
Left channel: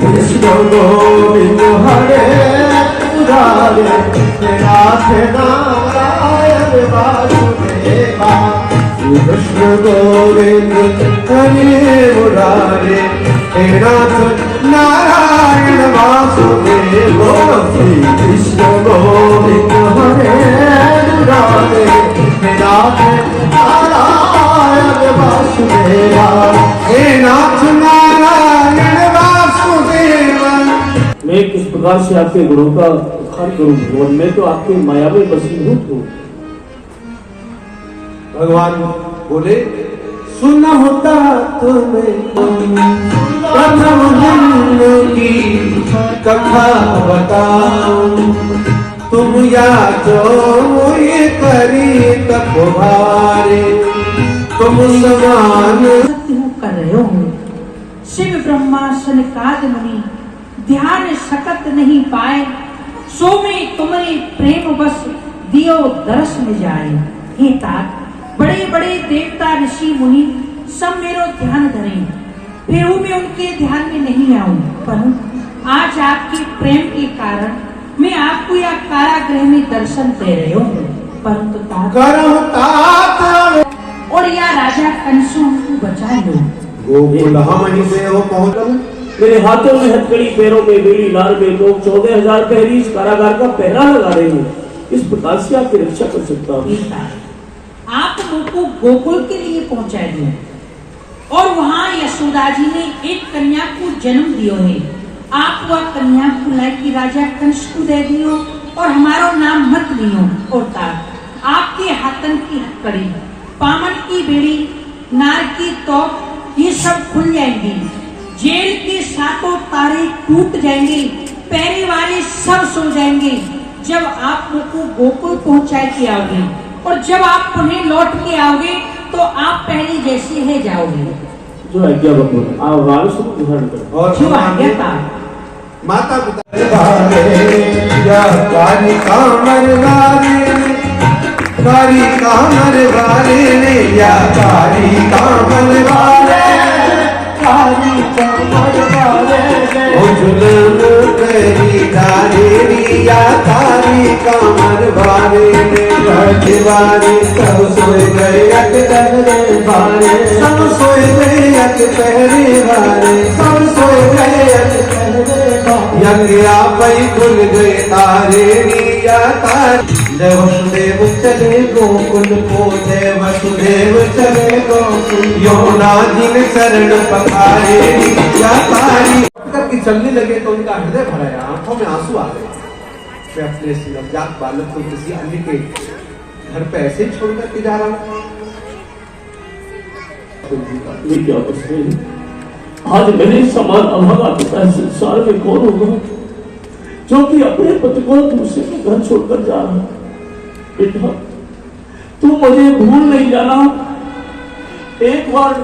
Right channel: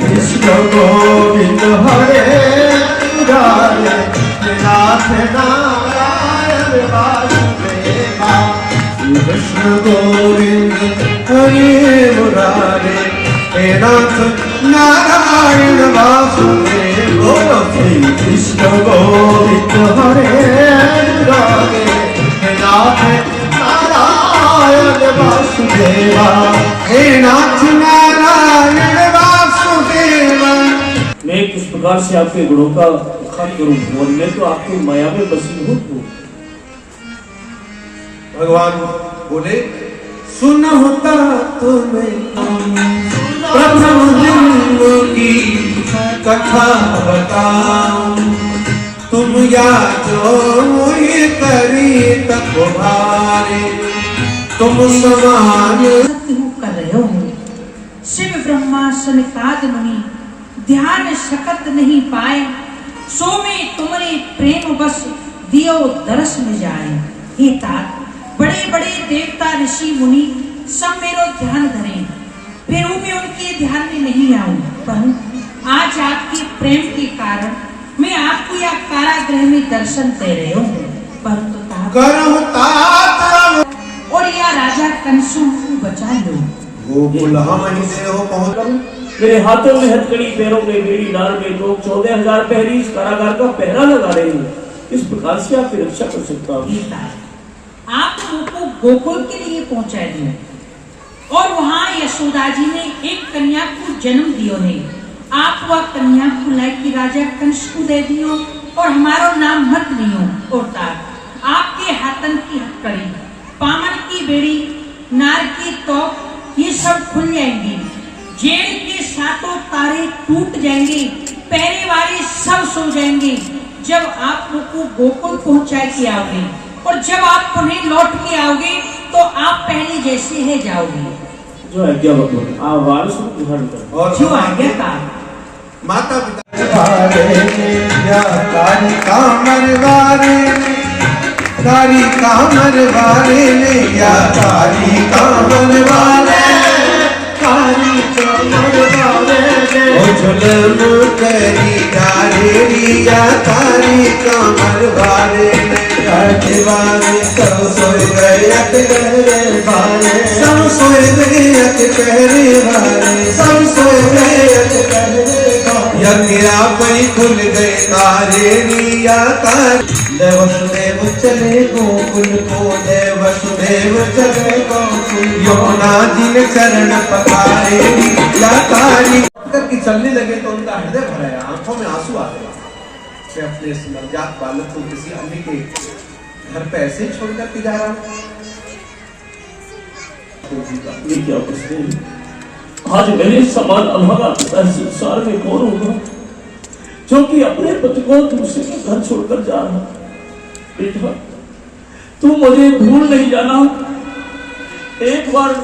कृष्ण गोविंद हरे मुरारे, नाथ नारायण वासुदेवा। कृष्ण गोविंद हरे मुरारे, नाथ नारायण वासुदेवा। कृष्ण गोविंद हरे मुरारे, नाथ नारायण वासुदेवा। नाथ नारायण वासुदेवा। मैं किस प्रकार से आपके गुणों का बखान करूं और मैं तो आपकी माया में बसीभूत हूँ। भगवान बोले, सुन होता तुम्हें प्रथम दिन की कथा बताऊं। तुम या जो मुझे करी तत्हारे, तुम समान सत्य कर रहे होंगे। शिव ब्रह्मा सनकाद मुनि ध्यान सकत नहीं पाए, सो में तुम्हारे प्रेम बस दियो दरस में जाए। हे तात, बड़े बड़े देवता ऋषि मुनि सब मेरो ध्यान धरे, फिर मैं उनके ध्यान में नहीं आऊं, पर आज आपके प्रेम के कारण मैं आपको यह कारागृह में दर्शन दे रहे हूँ, परंतु करहु तात और यह राजा कंसों को बचा लो। गोकुल हम ही देव पहुंच। मेरे हाथों में हथकड़ी, पैरों में बेड़ी, नाल में लोग 14,000 पहरी इस कारागार का पहरा लगा रहे हैं। इस प्रकार से आपकी रक्षा कर सकता हूँ। आप उनको गोकुल के लिए पहुंचा दिया और वहां यशोदा जी ने एक कन्या को जन्म दियो है। आप वह कन्या को लाके राजा कंस को दे दियो और हमारो नाम मत लियो। और आपके हाथन की हथकड़ी, पामन की बेड़ी, नार की तोप, ये सब खुल जाएंगे। जेल के सातों तारे टूट जाएंगे, पहरे वाले सब सो जाएंगे। जब आप उनको गोकुल पहुंचा के आओगे और जब आप उन्हें लौट के आओगे तो आप पहले जैसे है जाओगे। जो आज्ञा बता, आवाज सुन ग्रहण करो। और जो आज्ञा का माता पिता या काली कामर वारे ने या काली कामर वारे ओ जुल्म करी धारे या काली कामर वारे दीवारे सब सोए गए अटकरे वारे, सब सोए गए अटकरे वारे, सब सोए गए अटकरे वारे। यज्ञा पई खुल गए तारे निया तारे। जय वसुदेव चले गोकुल को, जय वसुदेव चले गोकुल, यमुना जी ने चरण पखारे या तारी। करके चलने लगे तो उनका हृदय भराया, आंखों में आंसू आ गए। वे अपने इस नवजात बालक को किसी अन्य के घर पे ऐसे ही छोड़कर के जा रहा हूं। ये क्या प्रश्न है? आज मेरे समान अभागा पिता संसार में कौन होगा जो कि अपने पति को दूसरे के घर छोड़कर जा रहा है? बेटा, तू मुझे भूल नहीं जाना, एक बार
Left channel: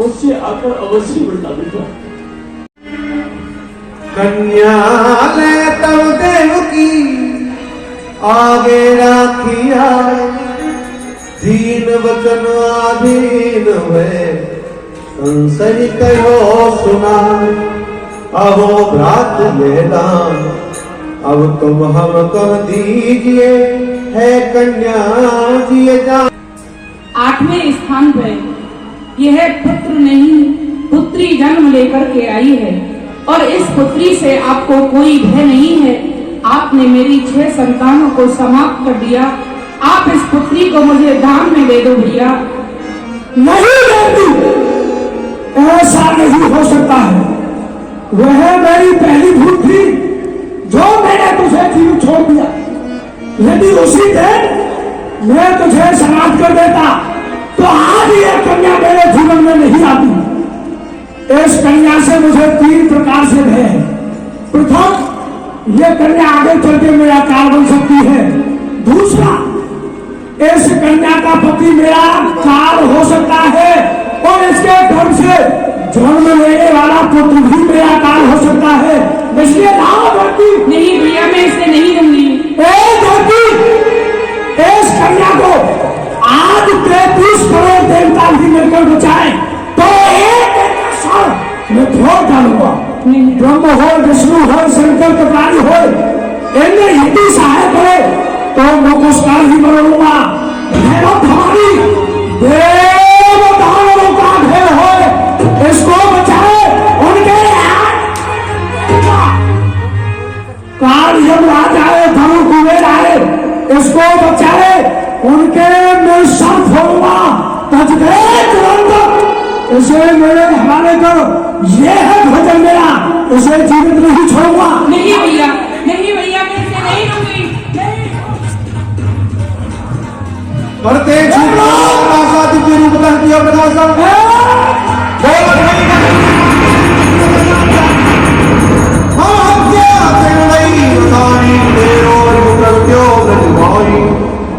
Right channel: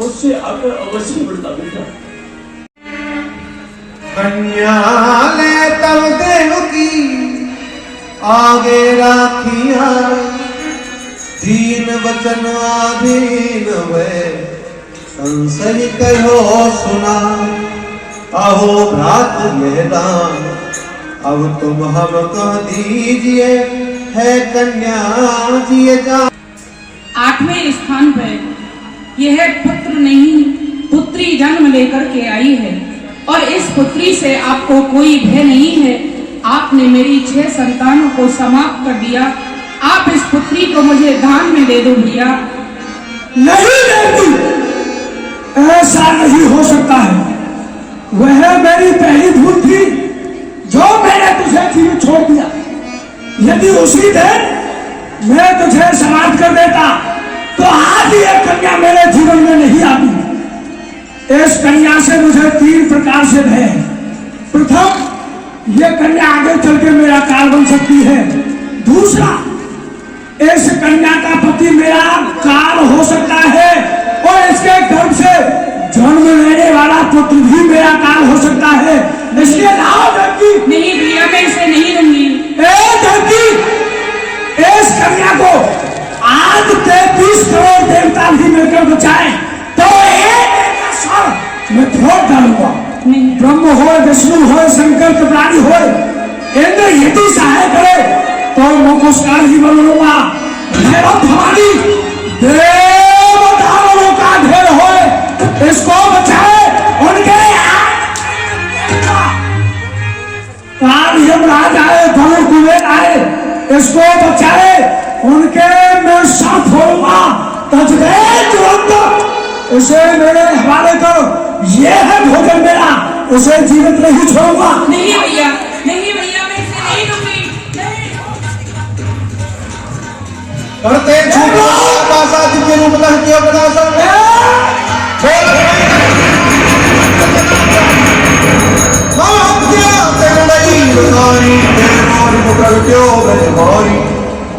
मुझसे आकर अवश्य मिलना बेटा। कन्या ले तव देव की आगे राखिया, दीन वचन आधीन है संसय कहो सुना। अहो भ्रात यह दान अब तुम हम कह दीजिए, है कन्या जी जा। 8वें स्थान पर यह पुत्र नहीं पुत्री जन्म लेकर के आई है और इस पुत्री से आपको कोई भय नहीं है। आपने मेरी 6 संतानों को समाप्त कर दिया, आप इस पुत्री को मुझे दान में दे दो भैया। नहीं देवी, ऐसा नहीं हो सकता है। वह मेरी पहली भूल थी जो मैंने तुझे जीवित छोड़ दिया। यदि उसी दिन मैं तुझे समाप्त कर देता तो आज यह कन्या मेरे जीवन में नहीं आती। इस कन्या से मुझे 3 प्रकार से भय है। प्रथम, यह कन्या आगे चल के मेरा काल बन सकती है। दूसरा, इस कन्या का पति मेरा काल हो सकता है और इसके गर्भ से जन्म लेने वाला पुत्र भी मेरा काल हो सकता है। इसलिए लाओ जाती। नहीं भैया, मैं इसे नहीं दूंगी। इस कन्या को आज 33 करोड़ देवता भी मिलकर बचाए तो एक सर मैं छोड़ डालूंगा। ब्रह्म हो, विष्णु हो, शंकर कपाली हो, इंद्र यदि सहाय करे तो मैं पुरस्कार ही बनूंगा। भैरव भवानी देवताओं का भेद हो, इसको बचाए। उनके राम यमराज आए, धनुष कुबेर आए, इसको बचाए। उनके मैं साथ होऊंगा। उसे मेरे हवाले करो। ये है भोजन मेरा, उसे जीवित नहीं छोड़ूंगा। नहीं भैया, नहीं भैया, मैं इसे नहीं दूंगी। परते छूटा के रूप कह दिया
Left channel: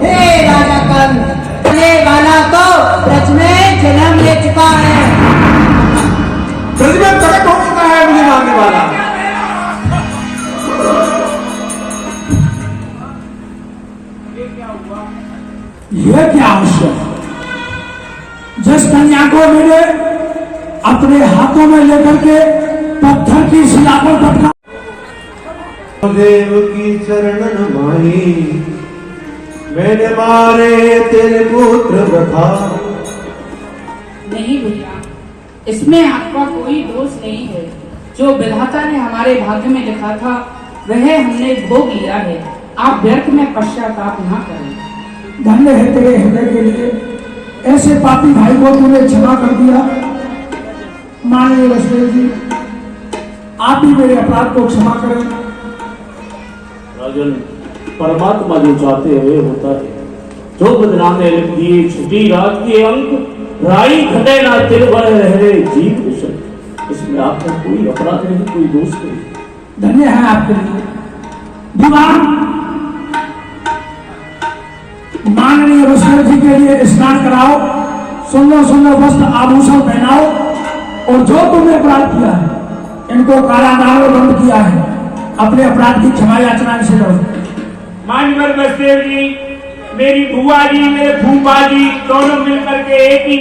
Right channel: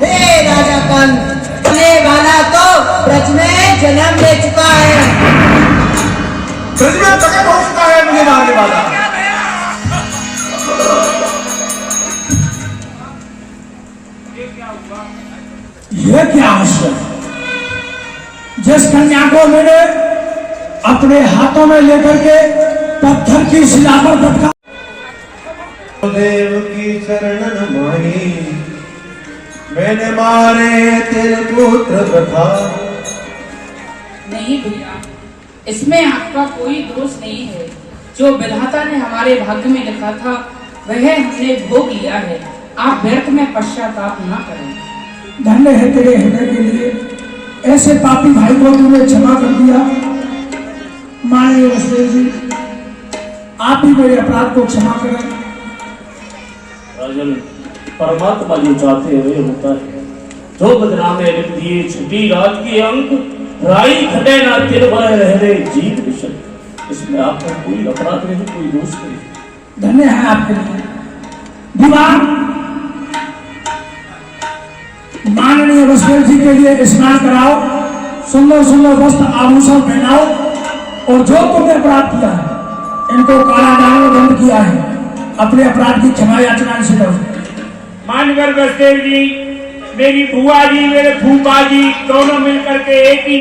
हे राजा कंस, वाला तो ब्रज में जिस कन्या को मैंने अपने हाथों में लेकर के पत्थर की शिला पर पटका, देव की शरण न माही, मैंने मारे तेरे पुत्र वृथा। नहीं भैया, इसमें आपका कोई दोष नहीं है। जो विधाता ने हमारे भाग्य में लिखा था वह हमने भोग लिया है। आप व्यर्थ में पश्चाताप ना करें। धन्य है तेरे हृदय के लिए, ऐसे पापी भाई को तूने क्षमा कर दिया। माननीय वसुदेव जी, आप भी मेरे अपराध को क्षमा करें। राजन, परमात्मा जो चाहते हुए होता है। जो बदनामे लिख दिए छुटी रात के अंक, राई घटे ना तिर रे जीव विषय। इसमें आपका कोई अपराध नहीं, कोई दोष नहीं। धन्य है आपके लिए। विवाह माननीय वसुदेव जी के लिए स्नान कराओ, सुंदर सुंदर वस्त्र आभूषण पहनाओ, और जो तुमने अपराध किया है, इनको कारागार में बंद किया है, अपने अपराध की क्षमा याचना से लो। मानवर वसुदेव जी, मेरी बुआ जी, मेरे फूफा जी दोनों मिलकर के एक ही